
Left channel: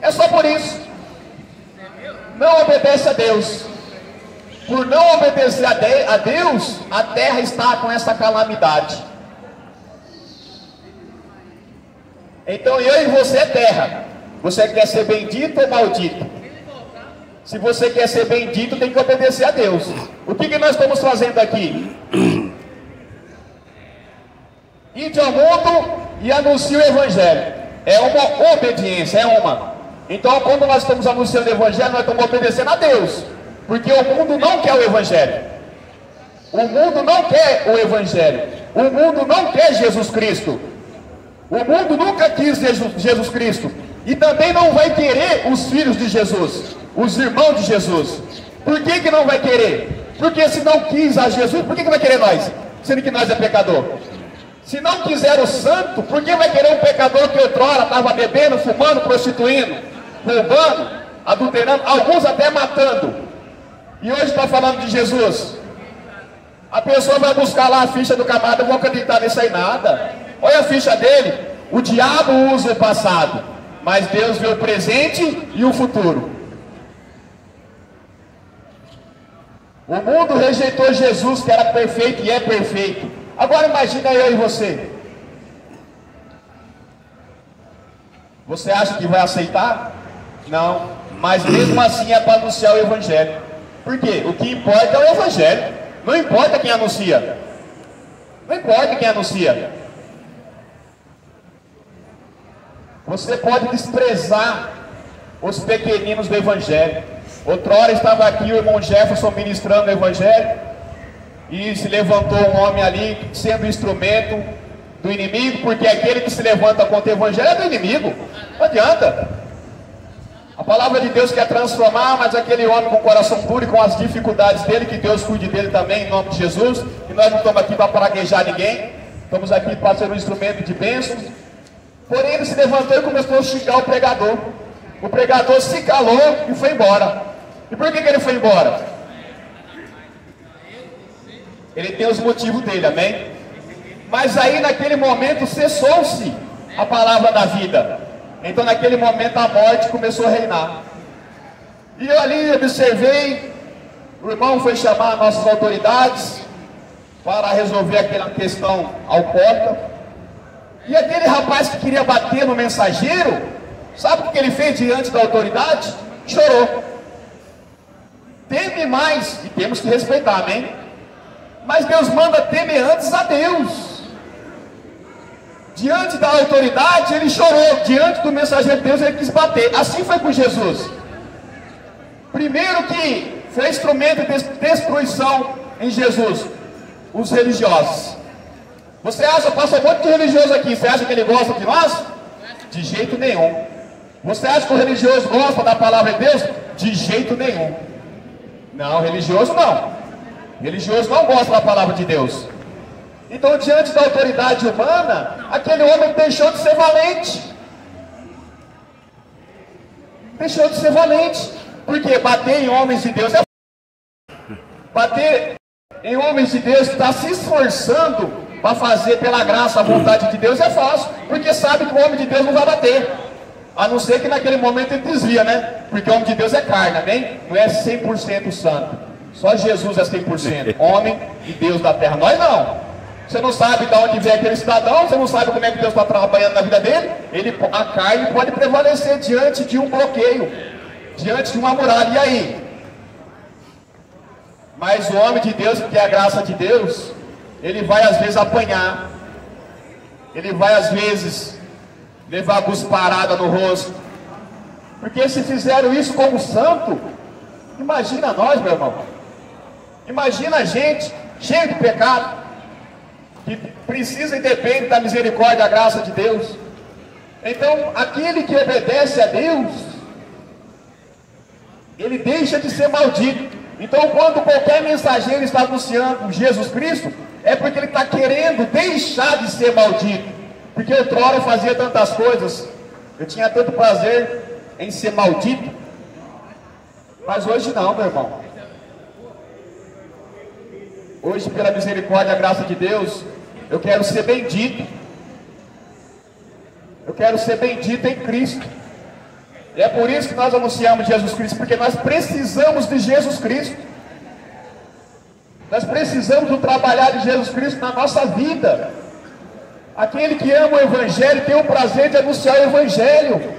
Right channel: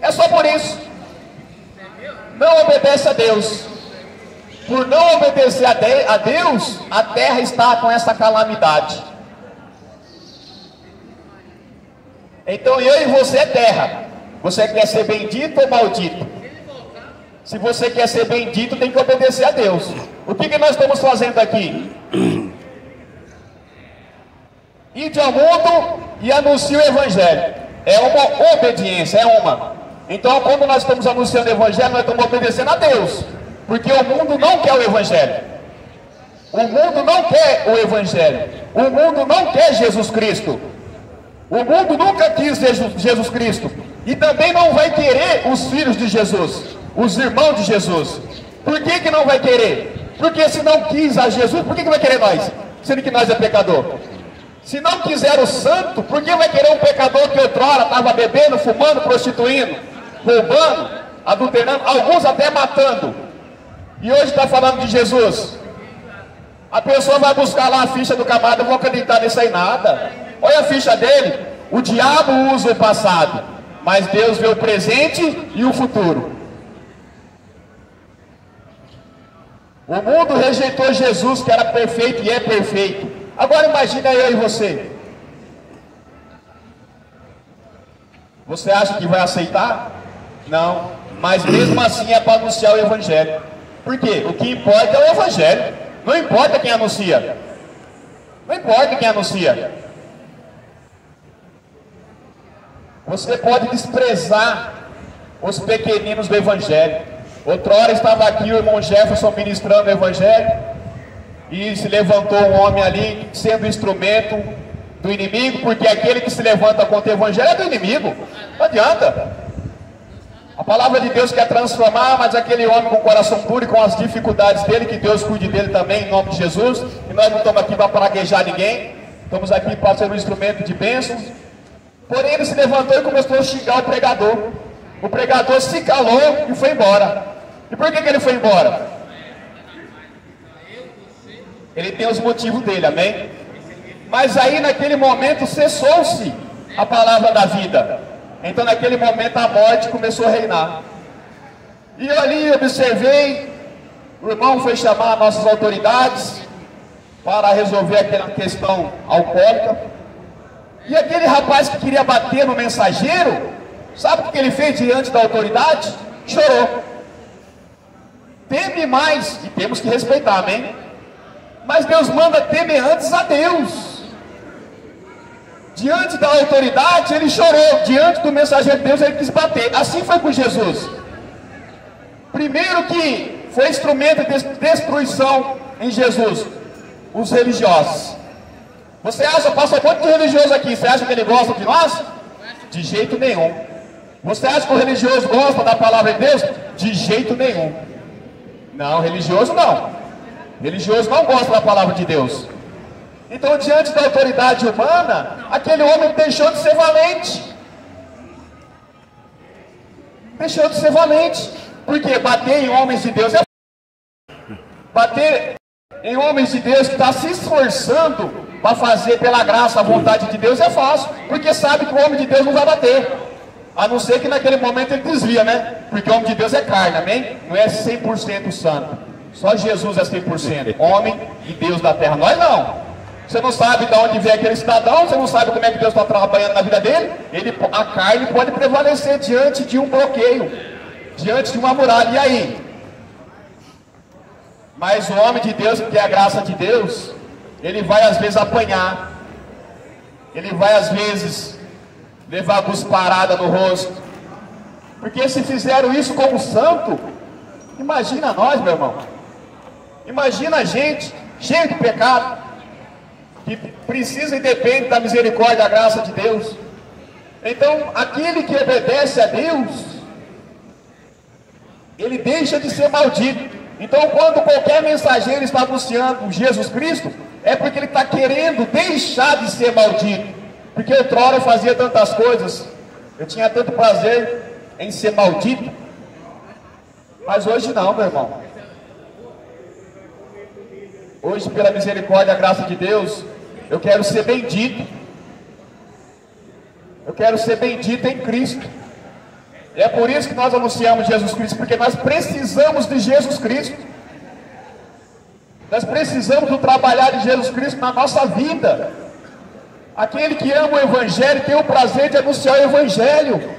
É só por isso. Não obedece a Deus. Por não obedecer a Deus, a terra está com essa calamidade. Então eu e você é terra. Você quer ser bendito ou maldito? Se você quer ser bendito, tem que obedecer a Deus. O que nós estamos fazendo aqui? Ide ao mundo e anuncie o Evangelho. É uma obediência, é uma. Então, quando nós estamos anunciando o Evangelho, nós estamos obedecendo a Deus. Porque o mundo não quer o Evangelho. O mundo não quer o Evangelho. O mundo não quer Jesus Cristo. O mundo nunca quis Jesus Cristo. E também não vai querer os filhos de Jesus, os irmãos de Jesus. Por que não vai querer? Porque se não quis a Jesus, por que vai querer nós? Sendo que nós é pecador. Se não quiser o santo, por que vai querer um pecador que outrora estava bebendo, fumando, prostituindo, roubando, adulterando, alguns até matando, e hoje está falando de Jesus? A pessoa vai buscar lá a ficha do camarada, não vou acreditar nisso aí nada. Olha a ficha dele. O diabo usa o passado, mas Deus vê o presente e o futuro. O mundo rejeitou Jesus, que era perfeito e é perfeito. Agora imagina eu e você. Você acha que vai aceitar? Não. Mas mesmo assim é para anunciar o Evangelho. Por quê? O que importa é o Evangelho. Não importa quem anuncia. Não importa quem anuncia. Você pode desprezar os pequeninos do Evangelho. Outrora estava aqui o irmão Jefferson ministrando o Evangelho, e se levantou um homem ali sendo instrumento do inimigo, porque aquele que se levanta contra o Evangelho é do inimigo. Não adianta. A palavra de Deus quer transformar, mas aquele homem com o coração puro e com as dificuldades dele, que Deus cuide dele também, em nome de Jesus. E nós não estamos aqui para praguejar ninguém, estamos aqui para ser um instrumento de bênçãos. Porém ele se levantou e começou a xingar o pregador. O pregador se calou e foi embora. E por que ele foi embora? Ele tem os motivos dele, amém? Mas aí naquele momento cessou-se a palavra da vida. Então naquele momento a morte começou a reinar. E eu ali observei, o irmão foi chamar as nossas autoridades para resolver aquela questão alcoólica. E aquele rapaz que queria bater no mensageiro, sabe o que ele fez diante da autoridade? Chorou. teme mais, e temos que respeitar, amém? Mas Deus manda temer antes a Deus. Diante da autoridade ele chorou, diante do mensageiro de Deus ele quis bater. Assim foi com Jesus. Primeiro que foi instrumento de destruição em Jesus, os religiosos. Você acha, passa um monte de religioso aqui, você acha que ele gosta de nós? De jeito nenhum. Você acha que o religioso gosta da palavra de Deus? De jeito nenhum. Não, religioso não. Religioso não gosta da palavra de Deus. Então, diante da autoridade humana, aquele homem deixou de ser valente. Deixou de ser valente. Porque bater em homens de Deus é bater em homens de Deus que está se esforçando para fazer pela graça a vontade de Deus é fácil, porque sabe que o homem de Deus não vai bater, a não ser que naquele momento ele desvia, né? Porque o homem de Deus é carne, amém? Não é 100% santo, só Jesus é 100% homem e Deus da terra. Nós não. Você não sabe de onde vem aquele cidadão, você não sabe como é que Deus está trabalhando na vida dele. A carne pode prevalecer diante de um bloqueio, diante de uma muralha. E aí? Mas o homem de Deus, que tem a graça de Deus, ele vai às vezes apanhar, ele vai às vezes levar cusparada no rosto, porque se fizeram isso como santo, imagina nós, meu irmão, imagina a gente cheio de pecado, que precisa e depende da misericórdia e da graça de Deus. Então aquele que obedece a Deus, ele deixa de ser maldito. Então quando qualquer mensageiro está anunciando Jesus Cristo, é porque ele está querendo deixar de ser maldito. Porque outrora eu fazia tantas coisas, eu tinha tanto prazer em ser maldito, mas hoje não, meu irmão. Hoje, pela misericórdia e a graça de Deus, eu quero ser bendito. Eu quero ser bendito em Cristo. E é por isso que nós anunciamos Jesus Cristo, porque nós precisamos de Jesus Cristo. Nós precisamos do trabalhar de Jesus Cristo na nossa vida. Aquele que ama o Evangelho tem o prazer de anunciar o Evangelho.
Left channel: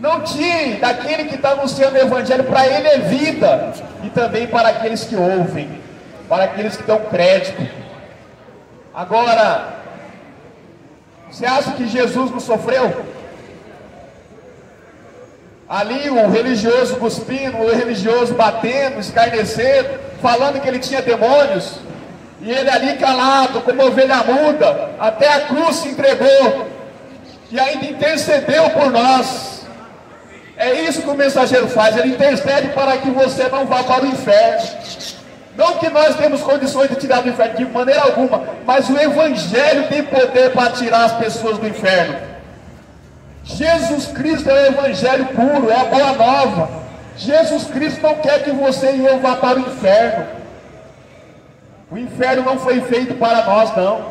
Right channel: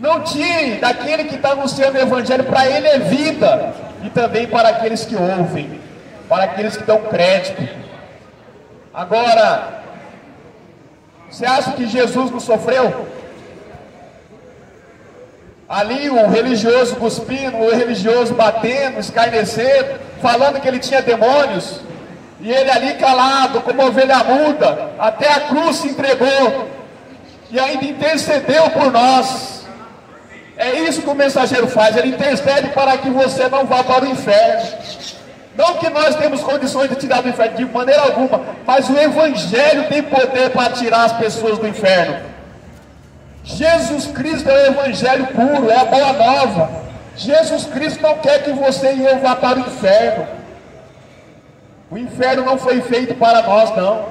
Não tire daquele que está anunciando o Evangelho, para ele é vida. E também para aqueles que ouvem, para aqueles que dão crédito. Agora, você acha que Jesus não sofreu? Ali o religioso cuspindo, o religioso batendo, escarnecendo, falando que ele tinha demônios, e ele ali calado, como ovelha muda, até a cruz se entregou, e ainda intercedeu por nós. É isso que o mensageiro faz, ele intercede para que você não vá para o inferno. Não que nós temos condições de tirar do inferno, de maneira alguma, mas o Evangelho tem poder para tirar as pessoas do inferno. Jesus Cristo é o Evangelho puro, é a boa nova. Jesus Cristo não quer que você e eu vá para o inferno. O inferno não foi feito para nós, não.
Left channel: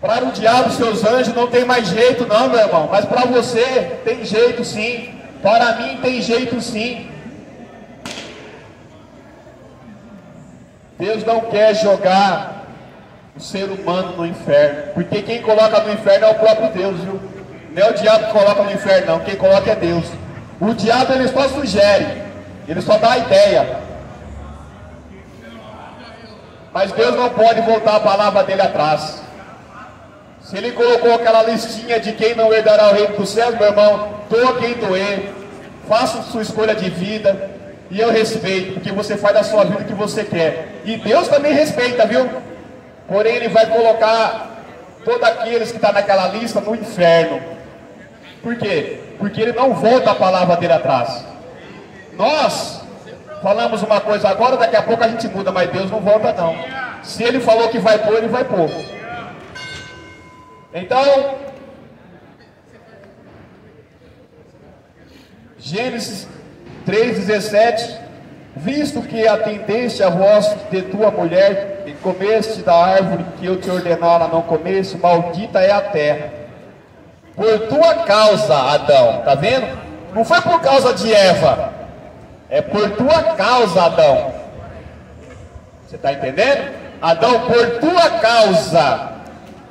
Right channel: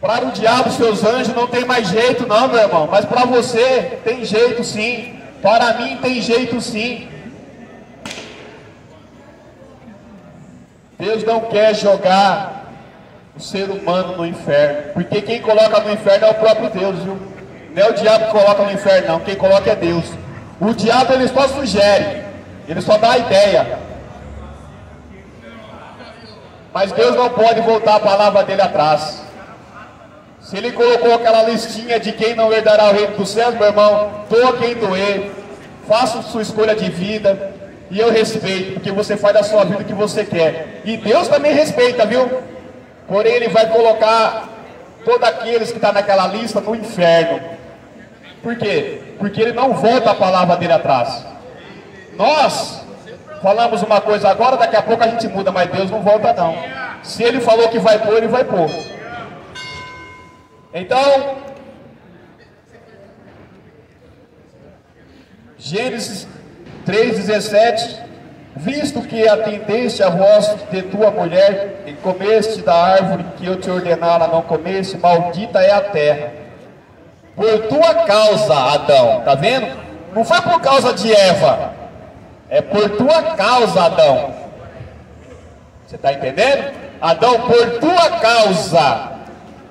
Para o diabo e seus anjos não tem mais jeito, não, meu irmão. Mas para você tem jeito sim. Para mim tem jeito sim. Deus não quer jogar o ser humano no inferno, porque quem coloca no inferno é o próprio Deus, viu? Não é o diabo que coloca no inferno, não. Quem coloca é Deus. O diabo ele só sugere, ele só dá a ideia, mas Deus não pode voltar a palavra dele atrás. Se ele colocou aquela listinha de quem não herdará o reino dos céus, meu irmão, doa quem doer, faça sua escolha de vida, e eu respeito, porque você faz da sua vida o que você quer, e Deus também respeita, viu? Porém ele vai colocar todos aqueles que estão naquela lista no inferno. Por quê? Porque ele não volta a palavra dele atrás. Nós falamos uma coisa agora, daqui a pouco a gente muda, mas Deus não volta não. Se ele falou que vai pôr, ele vai pôr. Então, Gênesis 3,17: visto que atendeste a voz de tua mulher e comeste da árvore que eu te ordenara não comeste, maldita é a terra por tua causa, Adão. Tá vendo? Não foi por causa de Eva, é por tua causa, Adão. Você está entendendo? Adão, por tua causa.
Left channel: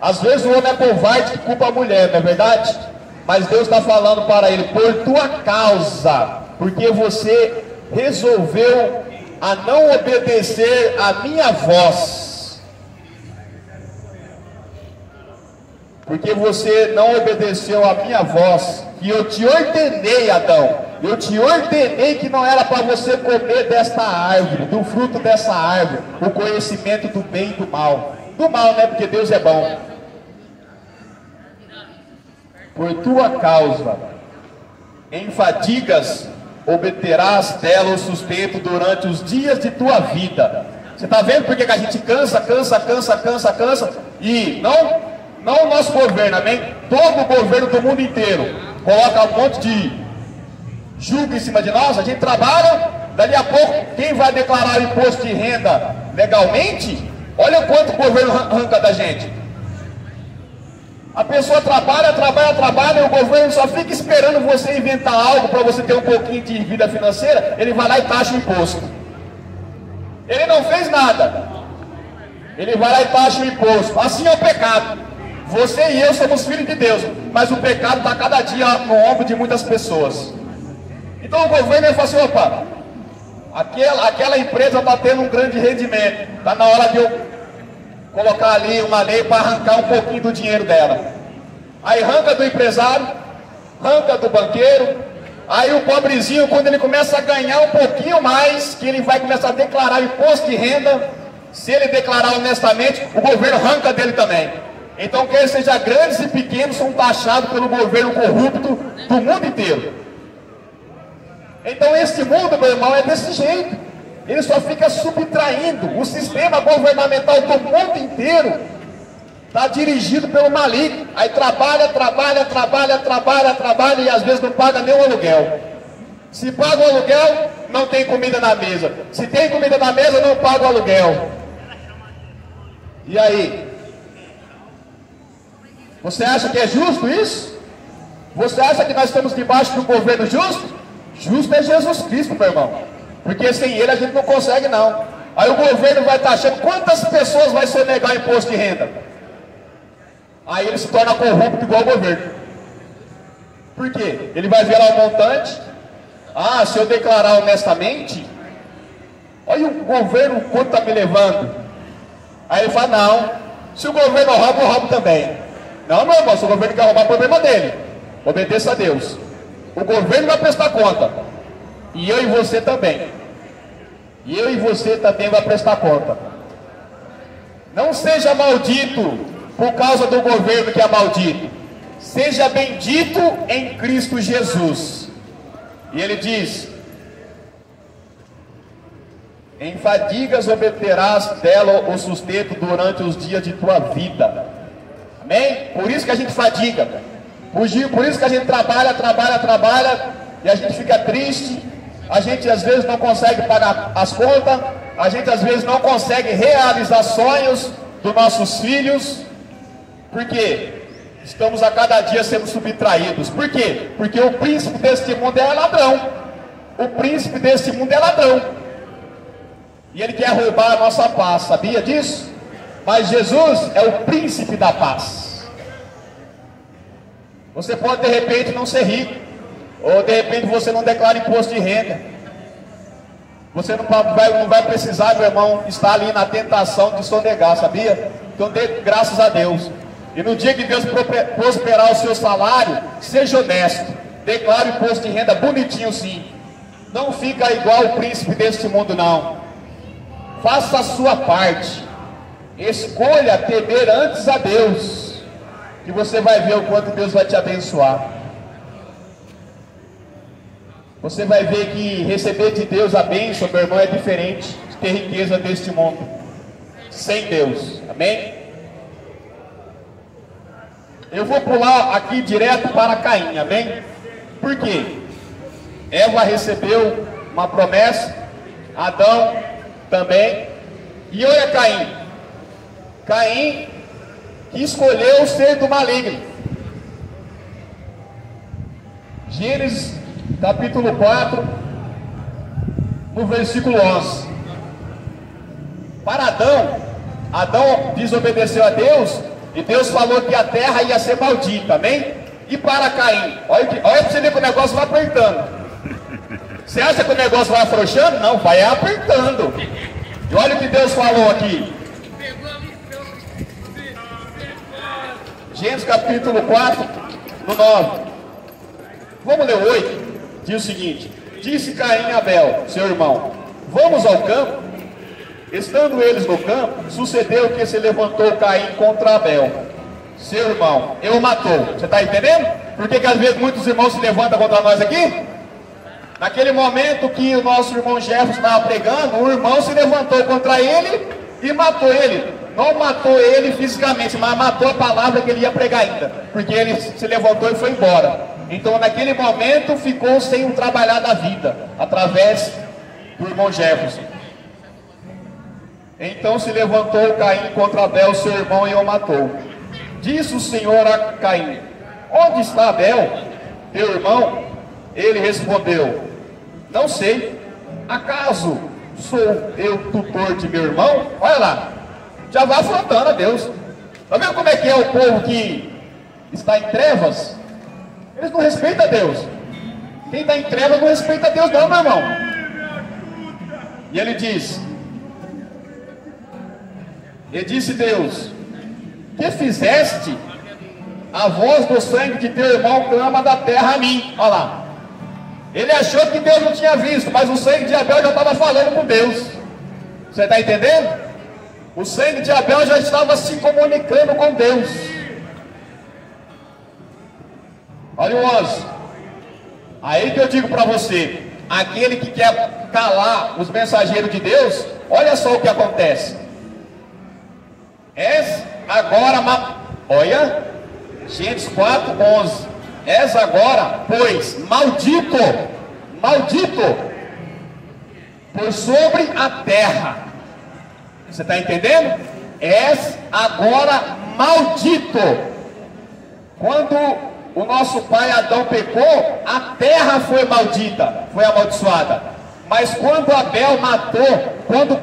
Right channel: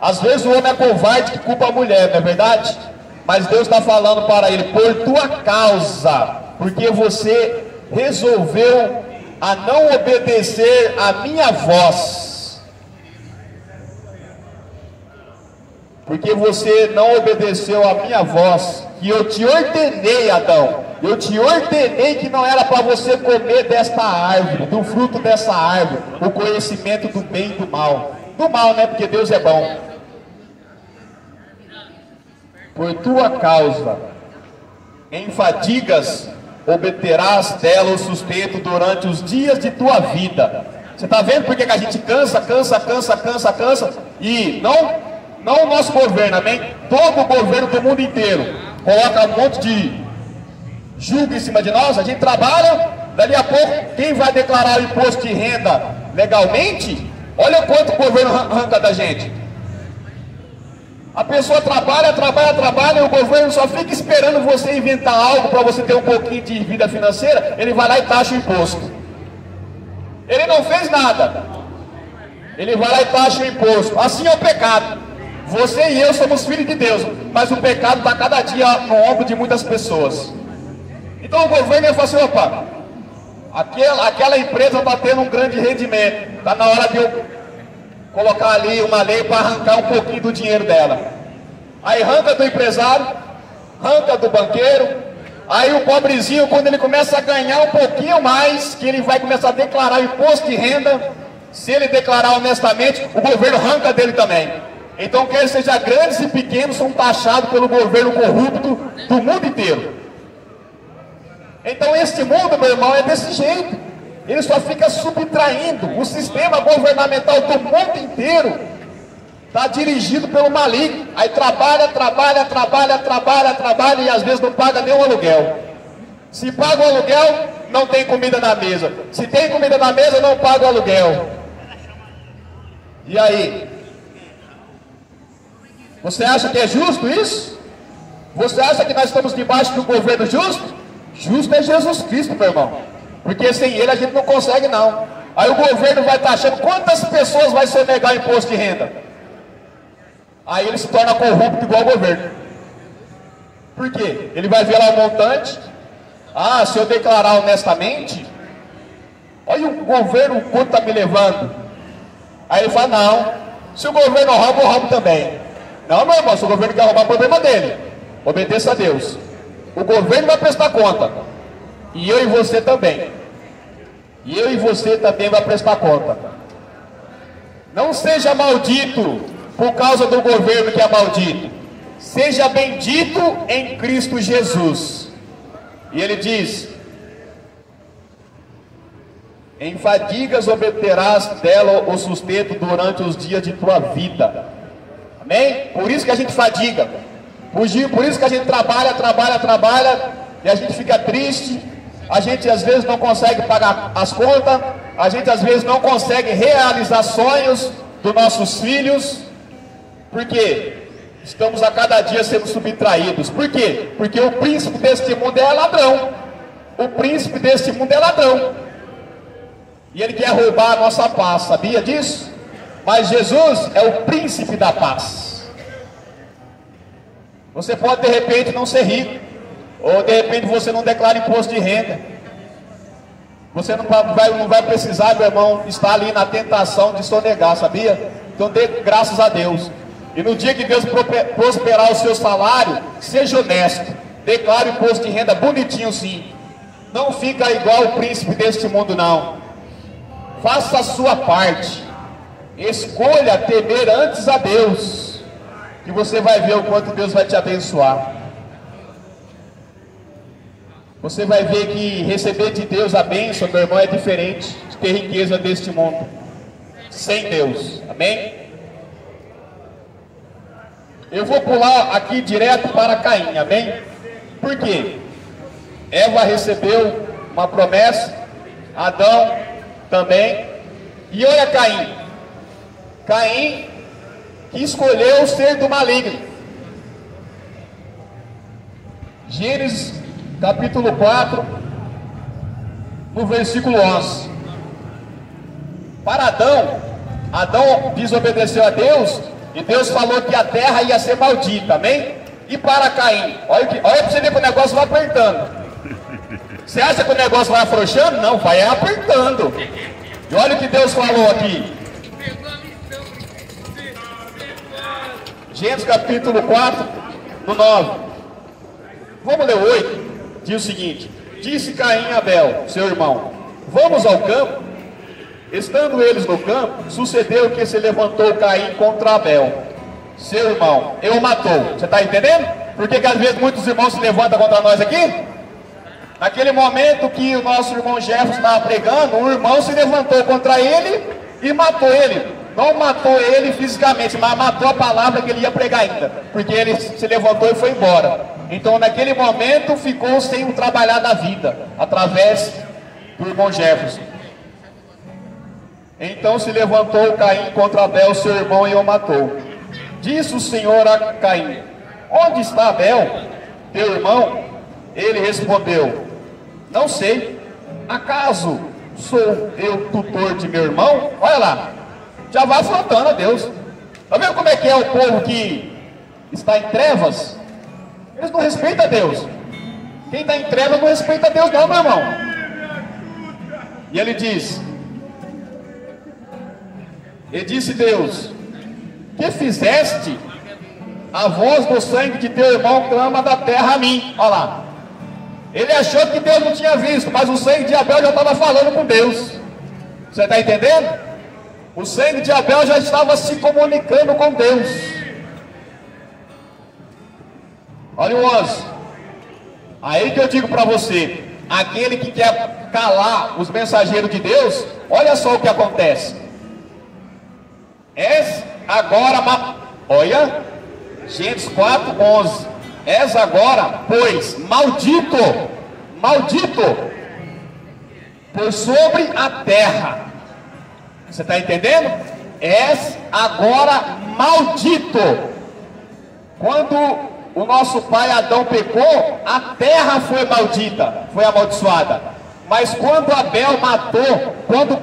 Às vezes o homem é covarde que culpa a mulher, não é verdade? Mas Deus está falando para ele, por tua causa porque você resolveu a não obedecer a minha voz. Porque você não obedeceu a minha voz, que eu te ordenei, Adão. Eu te ordenei que não era para você comer desta árvore, do fruto dessa árvore, o conhecimento do bem e do mal. Do mal, né? Porque Deus é bom. Por tua causa, em fadigas, obterás dela o sustento durante os dias de tua vida. Você está vendo por que a gente cansa? E não o nosso governo, amém? Todo o governo do mundo inteiro coloca um monte de julgo em cima de nós. A gente trabalha, dali a pouco, quem vai declarar o imposto de renda legalmente? Olha quanto o governo arranca da gente. A pessoa trabalha, e o governo só fica esperando você inventar algo para você ter um pouquinho de vida financeira. Ele vai lá e taxa o imposto. Ele não fez nada. Ele vai lá e taxa o imposto. Assim é o pecado. Você e eu somos filhos de Deus, mas o pecado está cada dia no ombro de muitas pessoas. Então o governo vai falar assim: opa, aquela empresa está tendo um grande rendimento, está na hora de eu colocar ali uma lei para arrancar um pouquinho do dinheiro dela. Aí arranca do empresário, arranca do banqueiro. Aí o pobrezinho, quando ele começa a ganhar um pouquinho mais, que ele vai começar a declarar o imposto de renda, se ele declarar honestamente, o governo arranca dele também. Então, quer seja grandes e pequenos, são taxados pelo governo corrupto do mundo inteiro. Então esse mundo, meu irmão, é desse jeito. Ele só fica subtraindo. O sistema governamental do mundo inteiro está dirigido pelo maligno. Aí trabalha e às vezes não paga nem o aluguel. Se paga o aluguel, não tem comida na mesa. Se tem comida na mesa, não paga o aluguel. E aí? Você acha que é justo isso? Você acha que nós estamos debaixo de um governo justo? Justo é Jesus Cristo, meu irmão. Porque sem ele a gente não consegue não. Aí o governo vai taxar quantas pessoas vai sonegar o imposto de renda. Aí ele se torna corrupto igual o governo. Por quê? Ele vai ver lá o montante. Ah, se eu declarar honestamente, olha o governo quanto está me levando. Aí ele fala: não, se o governo rouba, eu roubo também. Não, meu irmão, se o governo quer roubar, o problema dele. Obedeça a Deus. O governo vai prestar conta. E eu e você também. E eu e você também vai prestar conta. Não seja maldito por causa do governo que é maldito. Seja bendito em Cristo Jesus. E ele diz: em fadigas obterás dela o sustento durante os dias de tua vida. Amém? Por isso que a gente fadiga. Por isso que a gente trabalha, e a gente fica triste. A gente às vezes não consegue pagar as contas. A gente às vezes não consegue realizar sonhos dos nossos filhos. Por quê? Estamos a cada dia sendo subtraídos. Por quê? Porque o príncipe deste mundo é ladrão. O príncipe deste mundo é ladrão. E ele quer roubar a nossa paz, sabia disso? Mas Jesus é o príncipe da paz. Você pode de repente não ser rico, ou de repente você não declara imposto de renda. Você não vai precisar, meu irmão, estar ali na tentação de sonegar, sabia? Então dê graças a Deus. E no dia que Deus prosperar o seu salário, seja honesto. Declare o imposto de renda bonitinho sim. Não fica igual o príncipe deste mundo não. Faça a sua parte. Escolha temer antes a Deus, que você vai ver o quanto Deus vai te abençoar. Você vai ver que receber de Deus a bênção, meu irmão, é diferente de ter riqueza deste mundo sem Deus. Amém? Eu vou pular aqui direto para Caim, amém? Por quê? Eva recebeu uma promessa, Adão também. E olha Caim. Caim que escolheu ser do maligno. Gênesis capítulo 4, no versículo 11. Para Adão desobedeceu a Deus, e Deus falou que a terra ia ser maldita, amém? E para Caim, olha para você ver que o negócio vai apertando. Você acha que o negócio vai afrouxando? Não, vai apertando. E olha o que Deus falou aqui. Gênesis capítulo 4, no 9. Vamos ler o 8. Diz o seguinte: disse Caim a Abel, seu irmão, vamos ao campo? Estando eles no campo, sucedeu que se levantou Caim contra Abel, seu irmão, e o matou. Você está entendendo? Por que às vezes muitos irmãos se levantam contra nós aqui? Naquele momento que o nosso irmão Jefferson estava pregando, um irmão se levantou contra ele e matou ele. Não matou ele fisicamente, mas matou a palavra que ele ia pregar ainda, porque ele se levantou e foi embora. Então naquele momento ficou sem trabalhar da vida, através do irmão Jefferson. Então se levantou Caim contra Abel, seu irmão, e o matou. Disse o Senhor a Caim: onde está Abel, teu irmão? Ele respondeu: não sei. Acaso sou eu tutor de meu irmão? Olha lá, já vai afrontando a Deus. Está vendo como é que é o povo que está em trevas? Eles não respeitam a Deus. Quem está em trevas não respeita a Deus não, meu irmão. E ele diz: e disse Deus: que fizeste? A voz do sangue de teu irmão clama da terra a mim. Olha lá. Ele achou que Deus não tinha visto, mas o sangue de Abel já estava falando com Deus. Você está entendendo? O sangue de Abel já estava se comunicando com Deus. Olha o 11. Aí que eu digo para você, aquele que quer calar os mensageiros de Deus, olha só o que acontece. És agora, olha, Gênesis 4:11. És agora, pois, maldito, por sobre a terra. Você está entendendo? És agora maldito. Quando o nosso pai Adão pecou, a terra foi maldita, foi amaldiçoada. Mas quando Abel matou, quando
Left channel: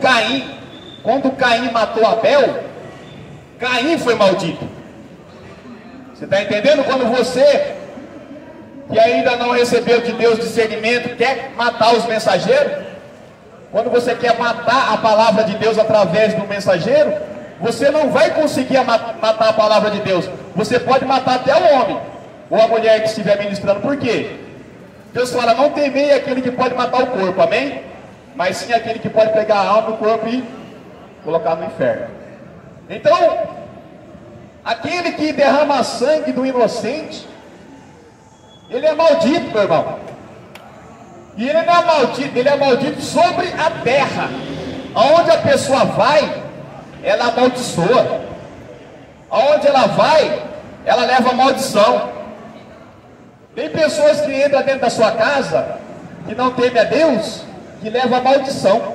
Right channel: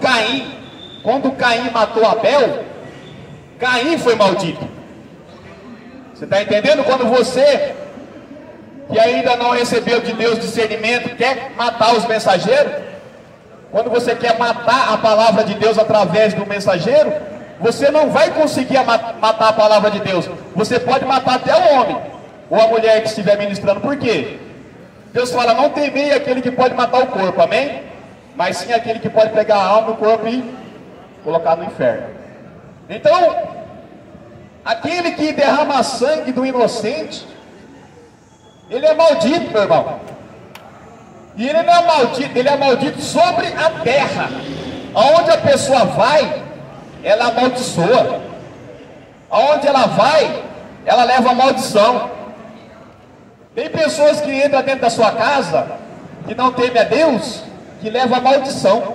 Caim matou Abel, Caim foi maldito. Você está entendendo? Quando você, que ainda não recebeu de Deus discernimento, quer matar os mensageiros, quando você quer matar a palavra de Deus através do mensageiro, você não vai conseguir matar a palavra de Deus. Você pode matar até o homem ou a mulher que estiver ministrando. Por quê? Deus fala: não temei aquele que pode matar o corpo, amém? Mas sim aquele que pode pegar a alma e o corpo e colocar no inferno. Então, aquele que derrama sangue do inocente, ele é maldito, meu irmão. E ele não é maldito, ele é maldito sobre a terra. Aonde a pessoa vai, ela amaldiçoa. Aonde ela vai, ela leva maldição. Tem pessoas que entram dentro da sua casa, que não temem a Deus, que leva a maldição.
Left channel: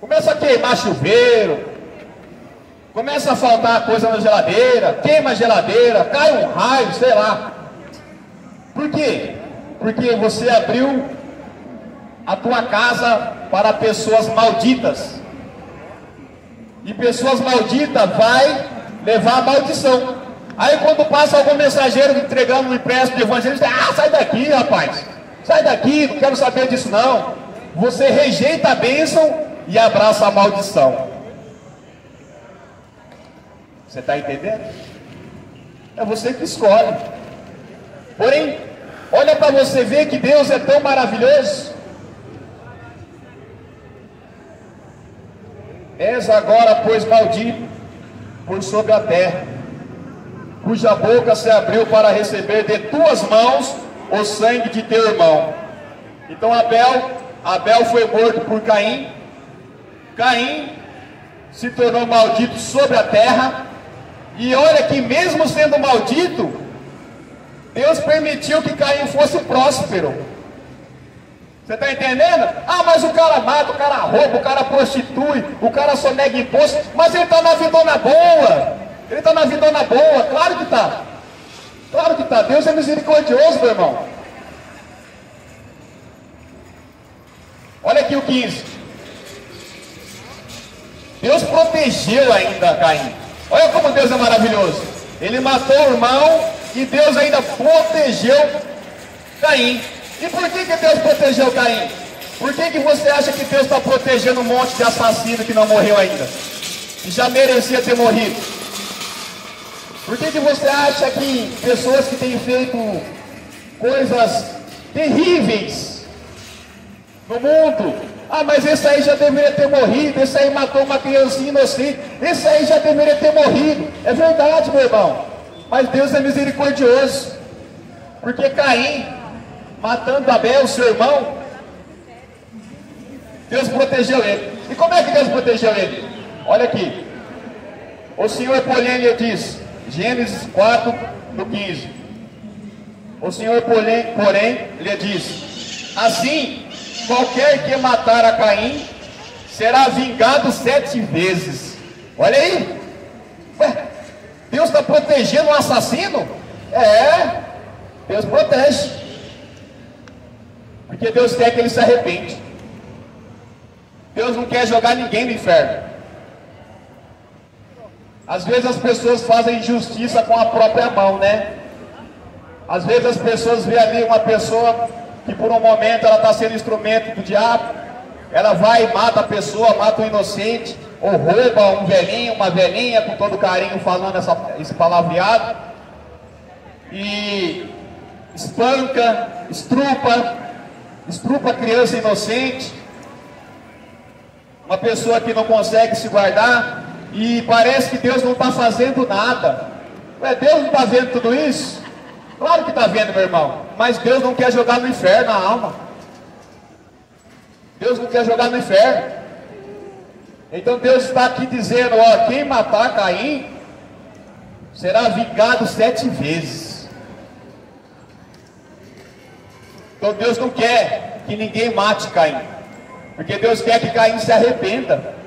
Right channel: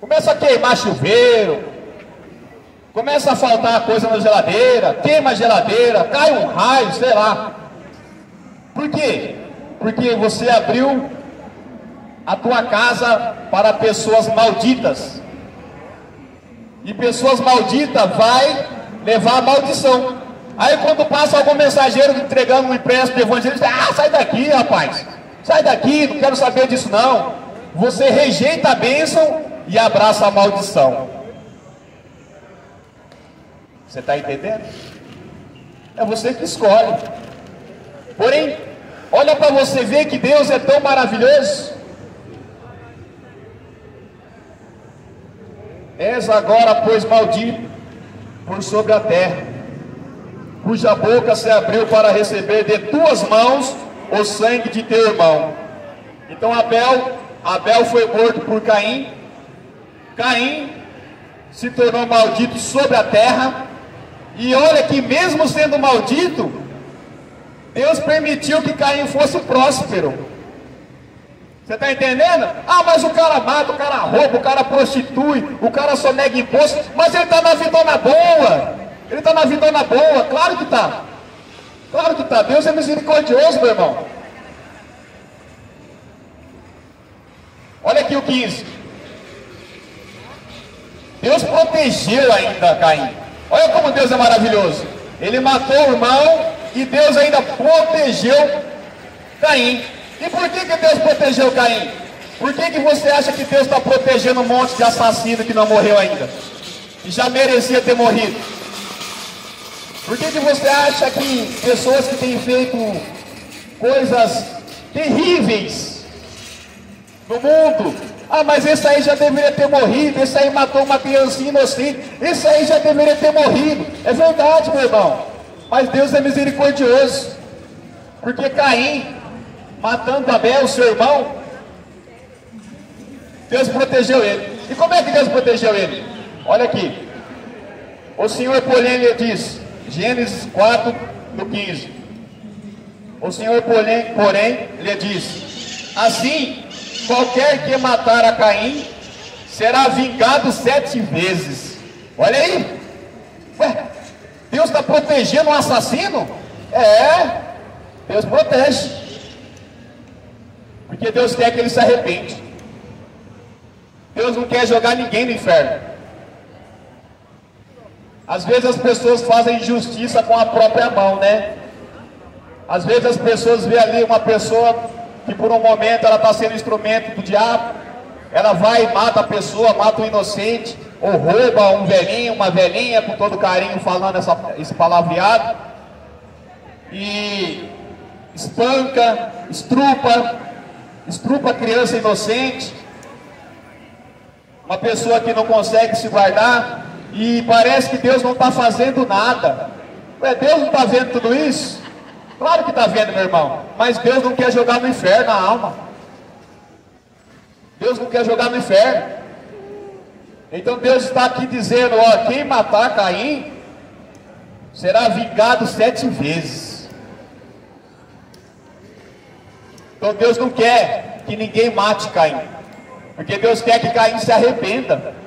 Começa a queimar chuveiro, começa a faltar coisa na geladeira, queima a geladeira, cai um raio, sei lá. Por quê? Porque você abriu a tua casa para pessoas malditas. E pessoas malditas vai levar a maldição. Aí quando passa algum mensageiro entregando um empréstimo do evangelho, diz: ah, sai daqui, rapaz. Sai daqui, não quero saber disso não. Você rejeita a bênção e abraça a maldição. Você está entendendo? É você que escolhe. Porém, olha para você ver que Deus é tão maravilhoso. És agora, pois, maldito por sobre a terra, cuja boca se abriu para receber de tuas mãos o sangue de teu irmão. Então Abel foi morto por Caim. Caim se tornou maldito sobre a terra. E olha que mesmo sendo maldito, Deus permitiu que Caim fosse próspero. Você está entendendo? Ah, mas o cara mata, o cara rouba, o cara prostitui, o cara só nega imposto, mas ele está na vidona boa. Ele está na vidona boa, claro que está. Claro que está. Deus é misericordioso, meu irmão. Olha aqui o 15. Deus protegeu ainda Caim. Olha como Deus é maravilhoso. Ele matou o irmão e Deus ainda protegeu Caim. E por que Deus protegeu Caim? Por que você acha que Deus está protegendo um monte de assassino que não morreu ainda? Que já merecia ter morrido? Por que você acha que pessoas que têm feito coisas terríveis no mundo, mas esse aí já deveria ter morrido, esse aí matou uma criancinha inocente, esse aí já deveria ter morrido? É verdade, meu irmão, mas Deus é misericordioso, porque Caim, matando Abel, seu irmão, Deus protegeu ele. E como é que Deus protegeu ele? Olha aqui, o Senhor, porém, lhe diz, Gênesis 4, no 15, o Senhor, porém, lhe diz, assim, qualquer que matar a Caim, será vingado 7 vezes. Olha aí, ué, Deus está protegendo um assassino? Deus protege, porque Deus quer que ele se arrepende. Deus não quer jogar ninguém no inferno. Às vezes as pessoas fazem injustiça com a própria mão, né? Às vezes as pessoas veem ali uma pessoa que por um momento ela está sendo instrumento do diabo, ela vai e mata a pessoa, mata o inocente, ou rouba um velhinho, uma velhinha, com todo carinho falando esse palavreado, e espanca, estrupa a criança inocente, uma pessoa que não consegue se guardar, e parece que Deus não está fazendo nada. Deus não está vendo tudo isso? Claro que está vendo, meu irmão, mas Deus não quer jogar no inferno a alma. Deus não quer jogar no inferno. Então Deus está aqui dizendo, quem matar Caim, será vingado 7 vezes. Então Deus não quer que ninguém mate Caim, porque Deus quer que Caim se arrependa.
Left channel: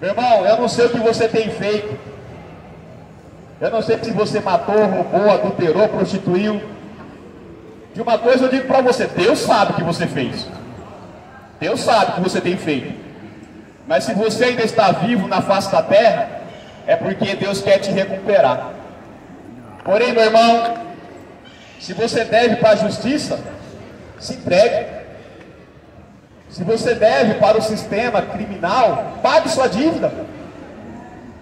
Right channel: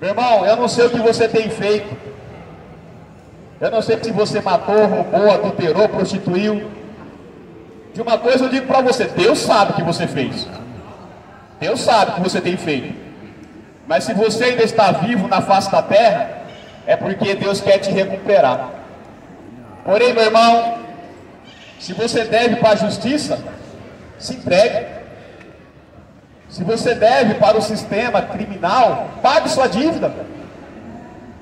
Meu irmão, eu não sei o que você tem feito, eu não sei se você matou, roubou, adulterou, prostituiu. De uma coisa eu digo para você, Deus sabe o que você fez, Deus sabe o que você tem feito, mas se você ainda está vivo na face da terra, é porque Deus quer te recuperar. Porém, meu irmão, se você deve para a justiça, se entregue. Se você deve para o sistema criminal, pague sua dívida.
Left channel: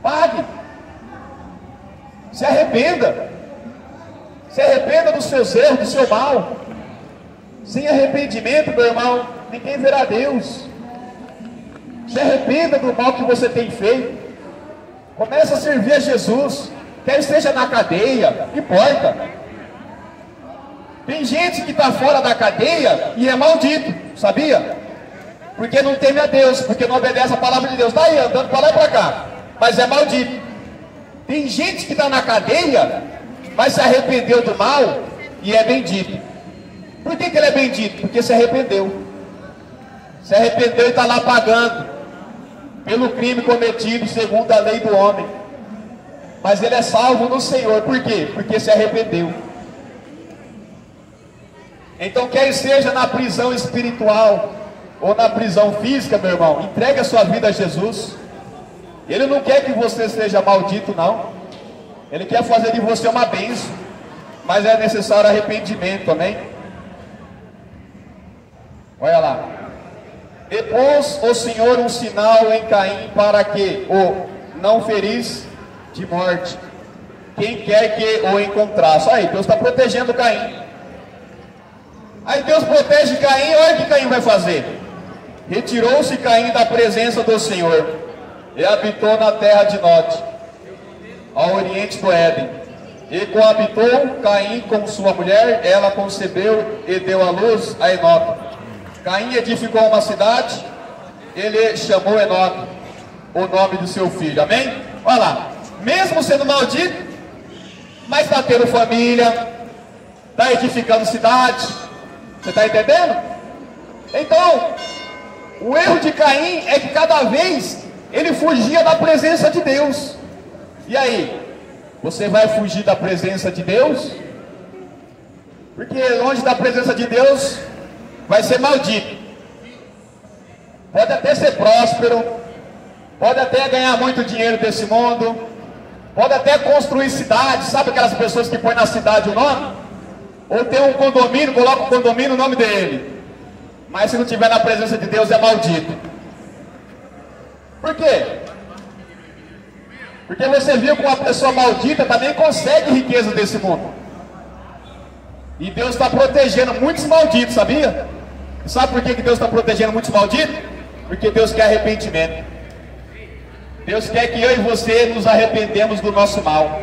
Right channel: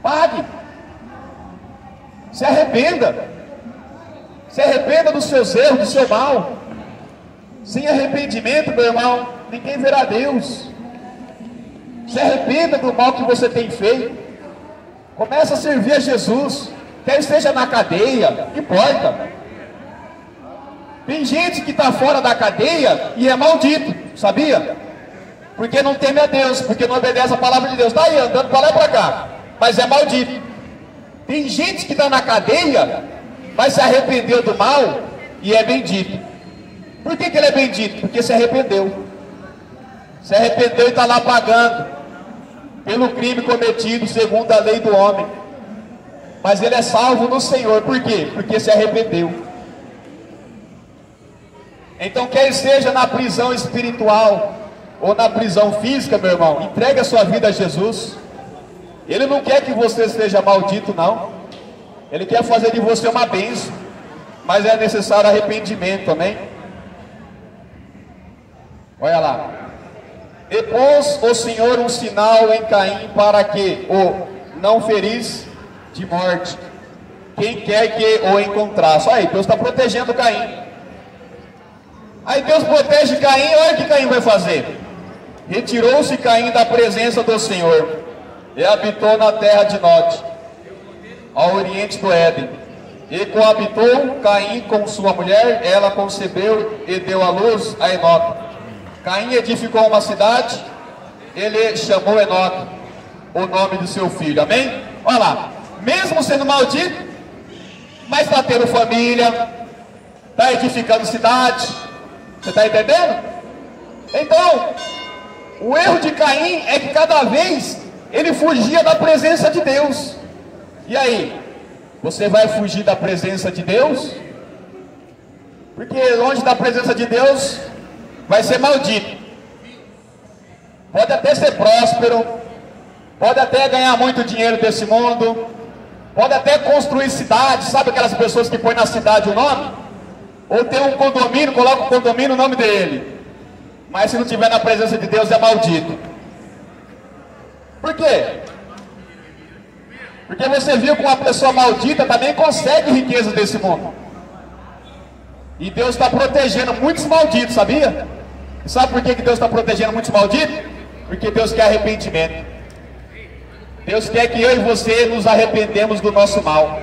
Pague. Se arrependa. Se arrependa dos seus erros, do seu mal. Sem arrependimento, meu irmão, ninguém verá Deus. Se arrependa do mal que você tem feito. Começa a servir a Jesus. Quer seja na cadeia, não importa. Tem gente que está fora da cadeia e é maldito, sabia? Porque não teme a Deus, porque não obedece a palavra de Deus. Está aí, andando para lá e para cá, mas é maldito. Tem gente que está na cadeia, mas se arrependeu do mal e é bendito. Por que ele é bendito? Porque se arrependeu. Se arrependeu e está lá pagando pelo crime cometido segundo a lei do homem. Mas ele é salvo no Senhor. Por quê? Porque se arrependeu. Então, quer seja na prisão espiritual ou na prisão física, meu irmão, entregue a sua vida a Jesus. Ele não quer que você seja maldito, não. Ele quer fazer de você uma bênção, mas é necessário arrependimento também. Olha lá. E pôs o Senhor um sinal em Caim para que o não ferisse de morte quem quer que o encontrasse. Aí, Deus está protegendo Caim. Aí Deus protege Caim, olha o que Caim vai fazer. Retirou-se Caim da presença do Senhor e habitou na terra de Nod, ao oriente do Éden. E coabitou Caim com sua mulher, ela concebeu e deu à luz a Enoque. Caim edificou uma cidade, ele chamou Enoque, o nome do seu filho. Amém? Olha lá, mesmo sendo maldito, mas está tendo família, está edificando cidade. Você está entendendo? Então, o erro de Caim é que cada vez ele fugia da presença de Deus. E aí? Você vai fugir da presença de Deus? Porque longe da presença de Deus vai ser maldito. Pode até ser próspero, pode até ganhar muito dinheiro desse mundo, pode até construir cidades. Sabe aquelas pessoas que põem na cidade o nome? Ou tem um condomínio, coloca o condomínio no nome dele. Mas se não estiver na presença de Deus, é maldito. Por quê? Porque você viu que uma pessoa maldita também consegue riqueza desse mundo. E Deus está protegendo muitos malditos, sabia? E sabe por que Deus está protegendo muitos malditos? Porque Deus quer arrependimento. Deus quer que eu e você nos arrependemos do nosso mal.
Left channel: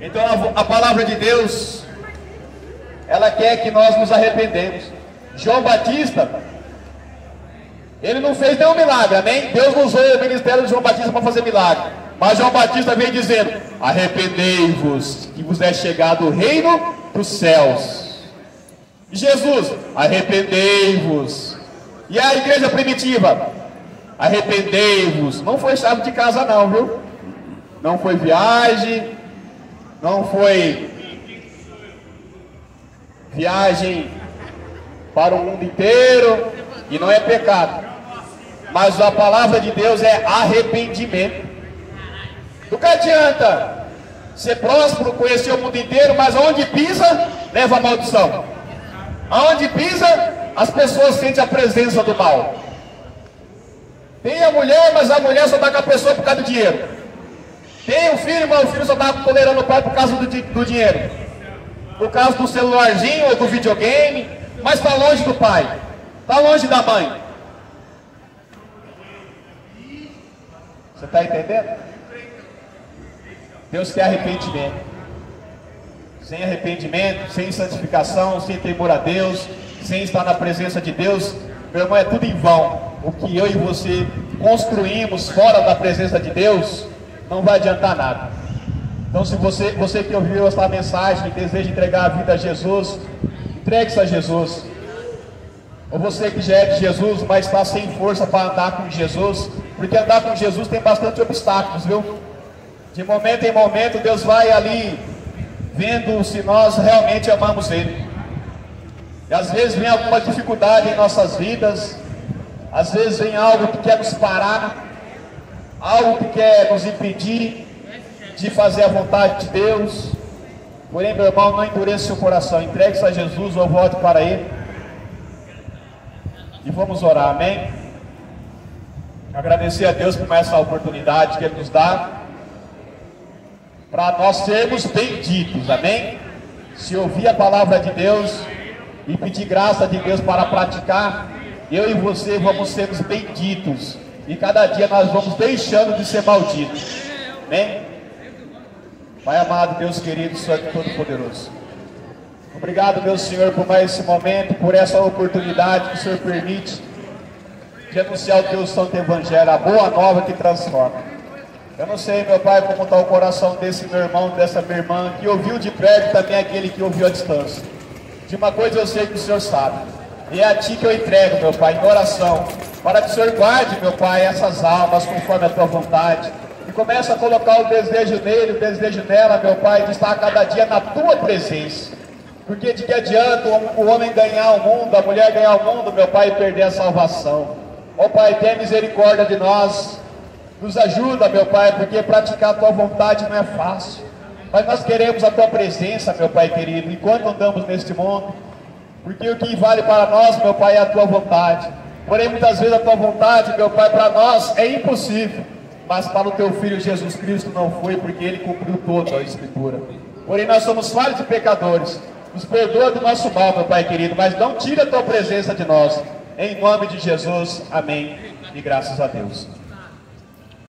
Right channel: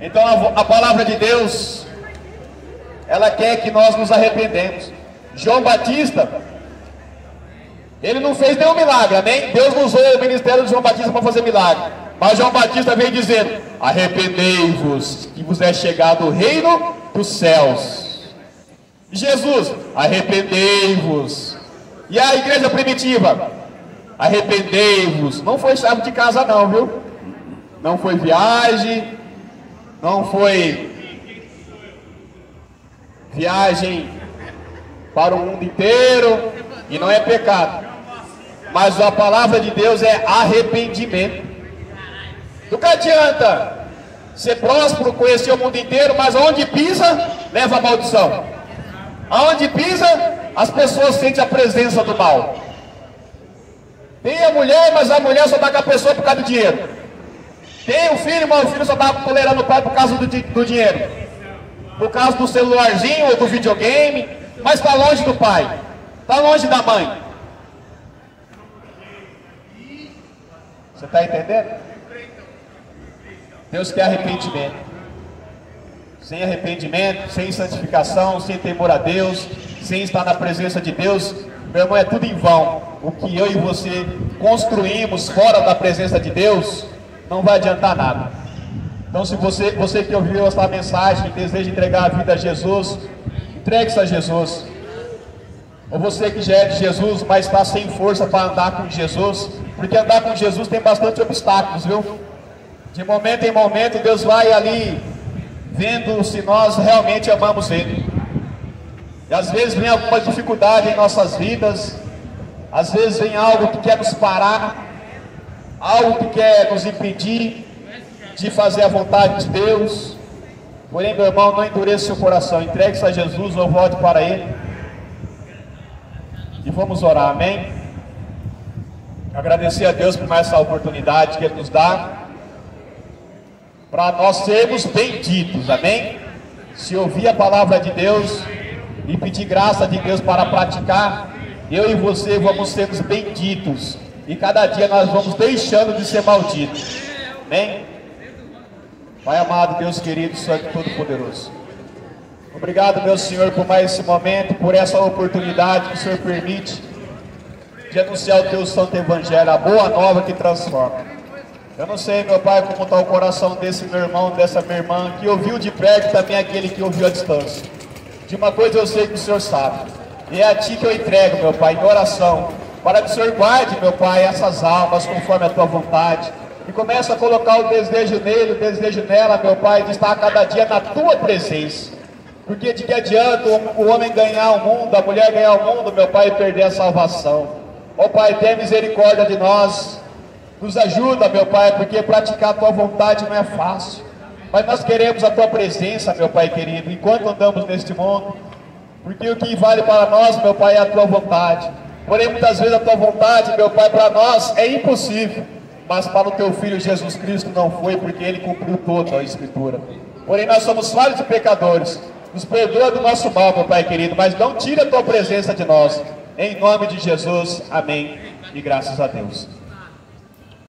Então a palavra de Deus, ela quer que nós nos arrependemos. João Batista, ele não fez nenhum milagre, amém? Deus não usou o ministério de João Batista para fazer milagre. Mas João Batista veio dizendo: arrependei-vos, que vos é chegado o reino dos céus. E Jesus: arrependei-vos. E a igreja primitiva: arrependei-vos. Não foi chave de casa não, viu? Não foi viagem, não foi viagem para o mundo inteiro, e não é pecado. Mas a palavra de Deus é arrependimento. Do que adianta ser próspero, conhecer o mundo inteiro, mas aonde pisa, leva a maldição. Aonde pisa, as pessoas sentem a presença do mal. Tem a mulher, mas a mulher só está com a pessoa por causa do dinheiro. Tem o filho, mas o filho só está tolerando o pai por causa do dinheiro. Por causa do celularzinho ou do videogame, mas está longe do pai, está longe da mãe. Você está entendendo? Deus quer arrependimento. Sem arrependimento, sem santificação, sem temor a Deus, sem estar na presença de Deus, meu irmão, é tudo em vão. O que eu e você construímos fora da presença de Deus não vai adiantar nada. Então, se você que ouviu esta mensagem e deseja entregar a vida a Jesus, entregue-se a Jesus. Ou você que já é de Jesus, mas está sem força para andar com Jesus, porque andar com Jesus tem bastante obstáculos, viu? De momento em momento, Deus vai ali vendo se nós realmente amamos Ele. E às vezes vem alguma dificuldade em nossas vidas, às vezes vem algo que quer nos parar, algo que quer nos impedir de fazer a vontade de Deus. Porém, meu irmão, não endureça seu coração, entregue-se a Jesus ou volte para Ele. E vamos orar, amém? Agradecer a Deus por essa oportunidade que Ele nos dá, para nós sermos benditos, amém? Se ouvir a palavra de Deus e pedir graça de Deus para praticar, eu e você vamos ser benditos, e cada dia nós vamos deixando de ser malditos, amém? Pai amado, Deus querido, Santo Todo-Poderoso, obrigado, meu Senhor, por mais esse momento, por essa oportunidade que o Senhor permite de anunciar o teu santo evangelho, a boa nova que transforma. Eu não sei, meu Pai, como está o coração desse meu irmão, dessa minha irmã, que ouviu de perto, também aquele que ouviu à distância. De uma coisa eu sei que o Senhor sabe, e é a Ti que eu entrego, meu Pai, em oração, para que o Senhor guarde, meu Pai, essas almas conforme a Tua vontade, e comece a colocar o desejo nele, o desejo nela, meu Pai, de estar cada dia na Tua presença. Porque de que adianta o homem ganhar o mundo, a mulher ganhar o mundo, meu Pai, e perder a salvação? Ó Pai, tenha misericórdia de nós, nos ajuda, meu Pai, porque praticar a Tua vontade não é fácil, mas nós queremos a Tua presença, meu Pai querido, enquanto andamos neste mundo, porque o que vale para nós, meu Pai, é a Tua vontade. Porém, muitas vezes a Tua vontade, meu Pai, para nós é impossível, mas para o Teu Filho Jesus Cristo não foi, porque Ele cumpriu toda a Escritura. Porém, nós somos falhos e pecadores, nos perdoa do nosso mal, meu Pai querido, mas não tira a Tua presença de nós, em nome de Jesus, amém, e graças a Deus.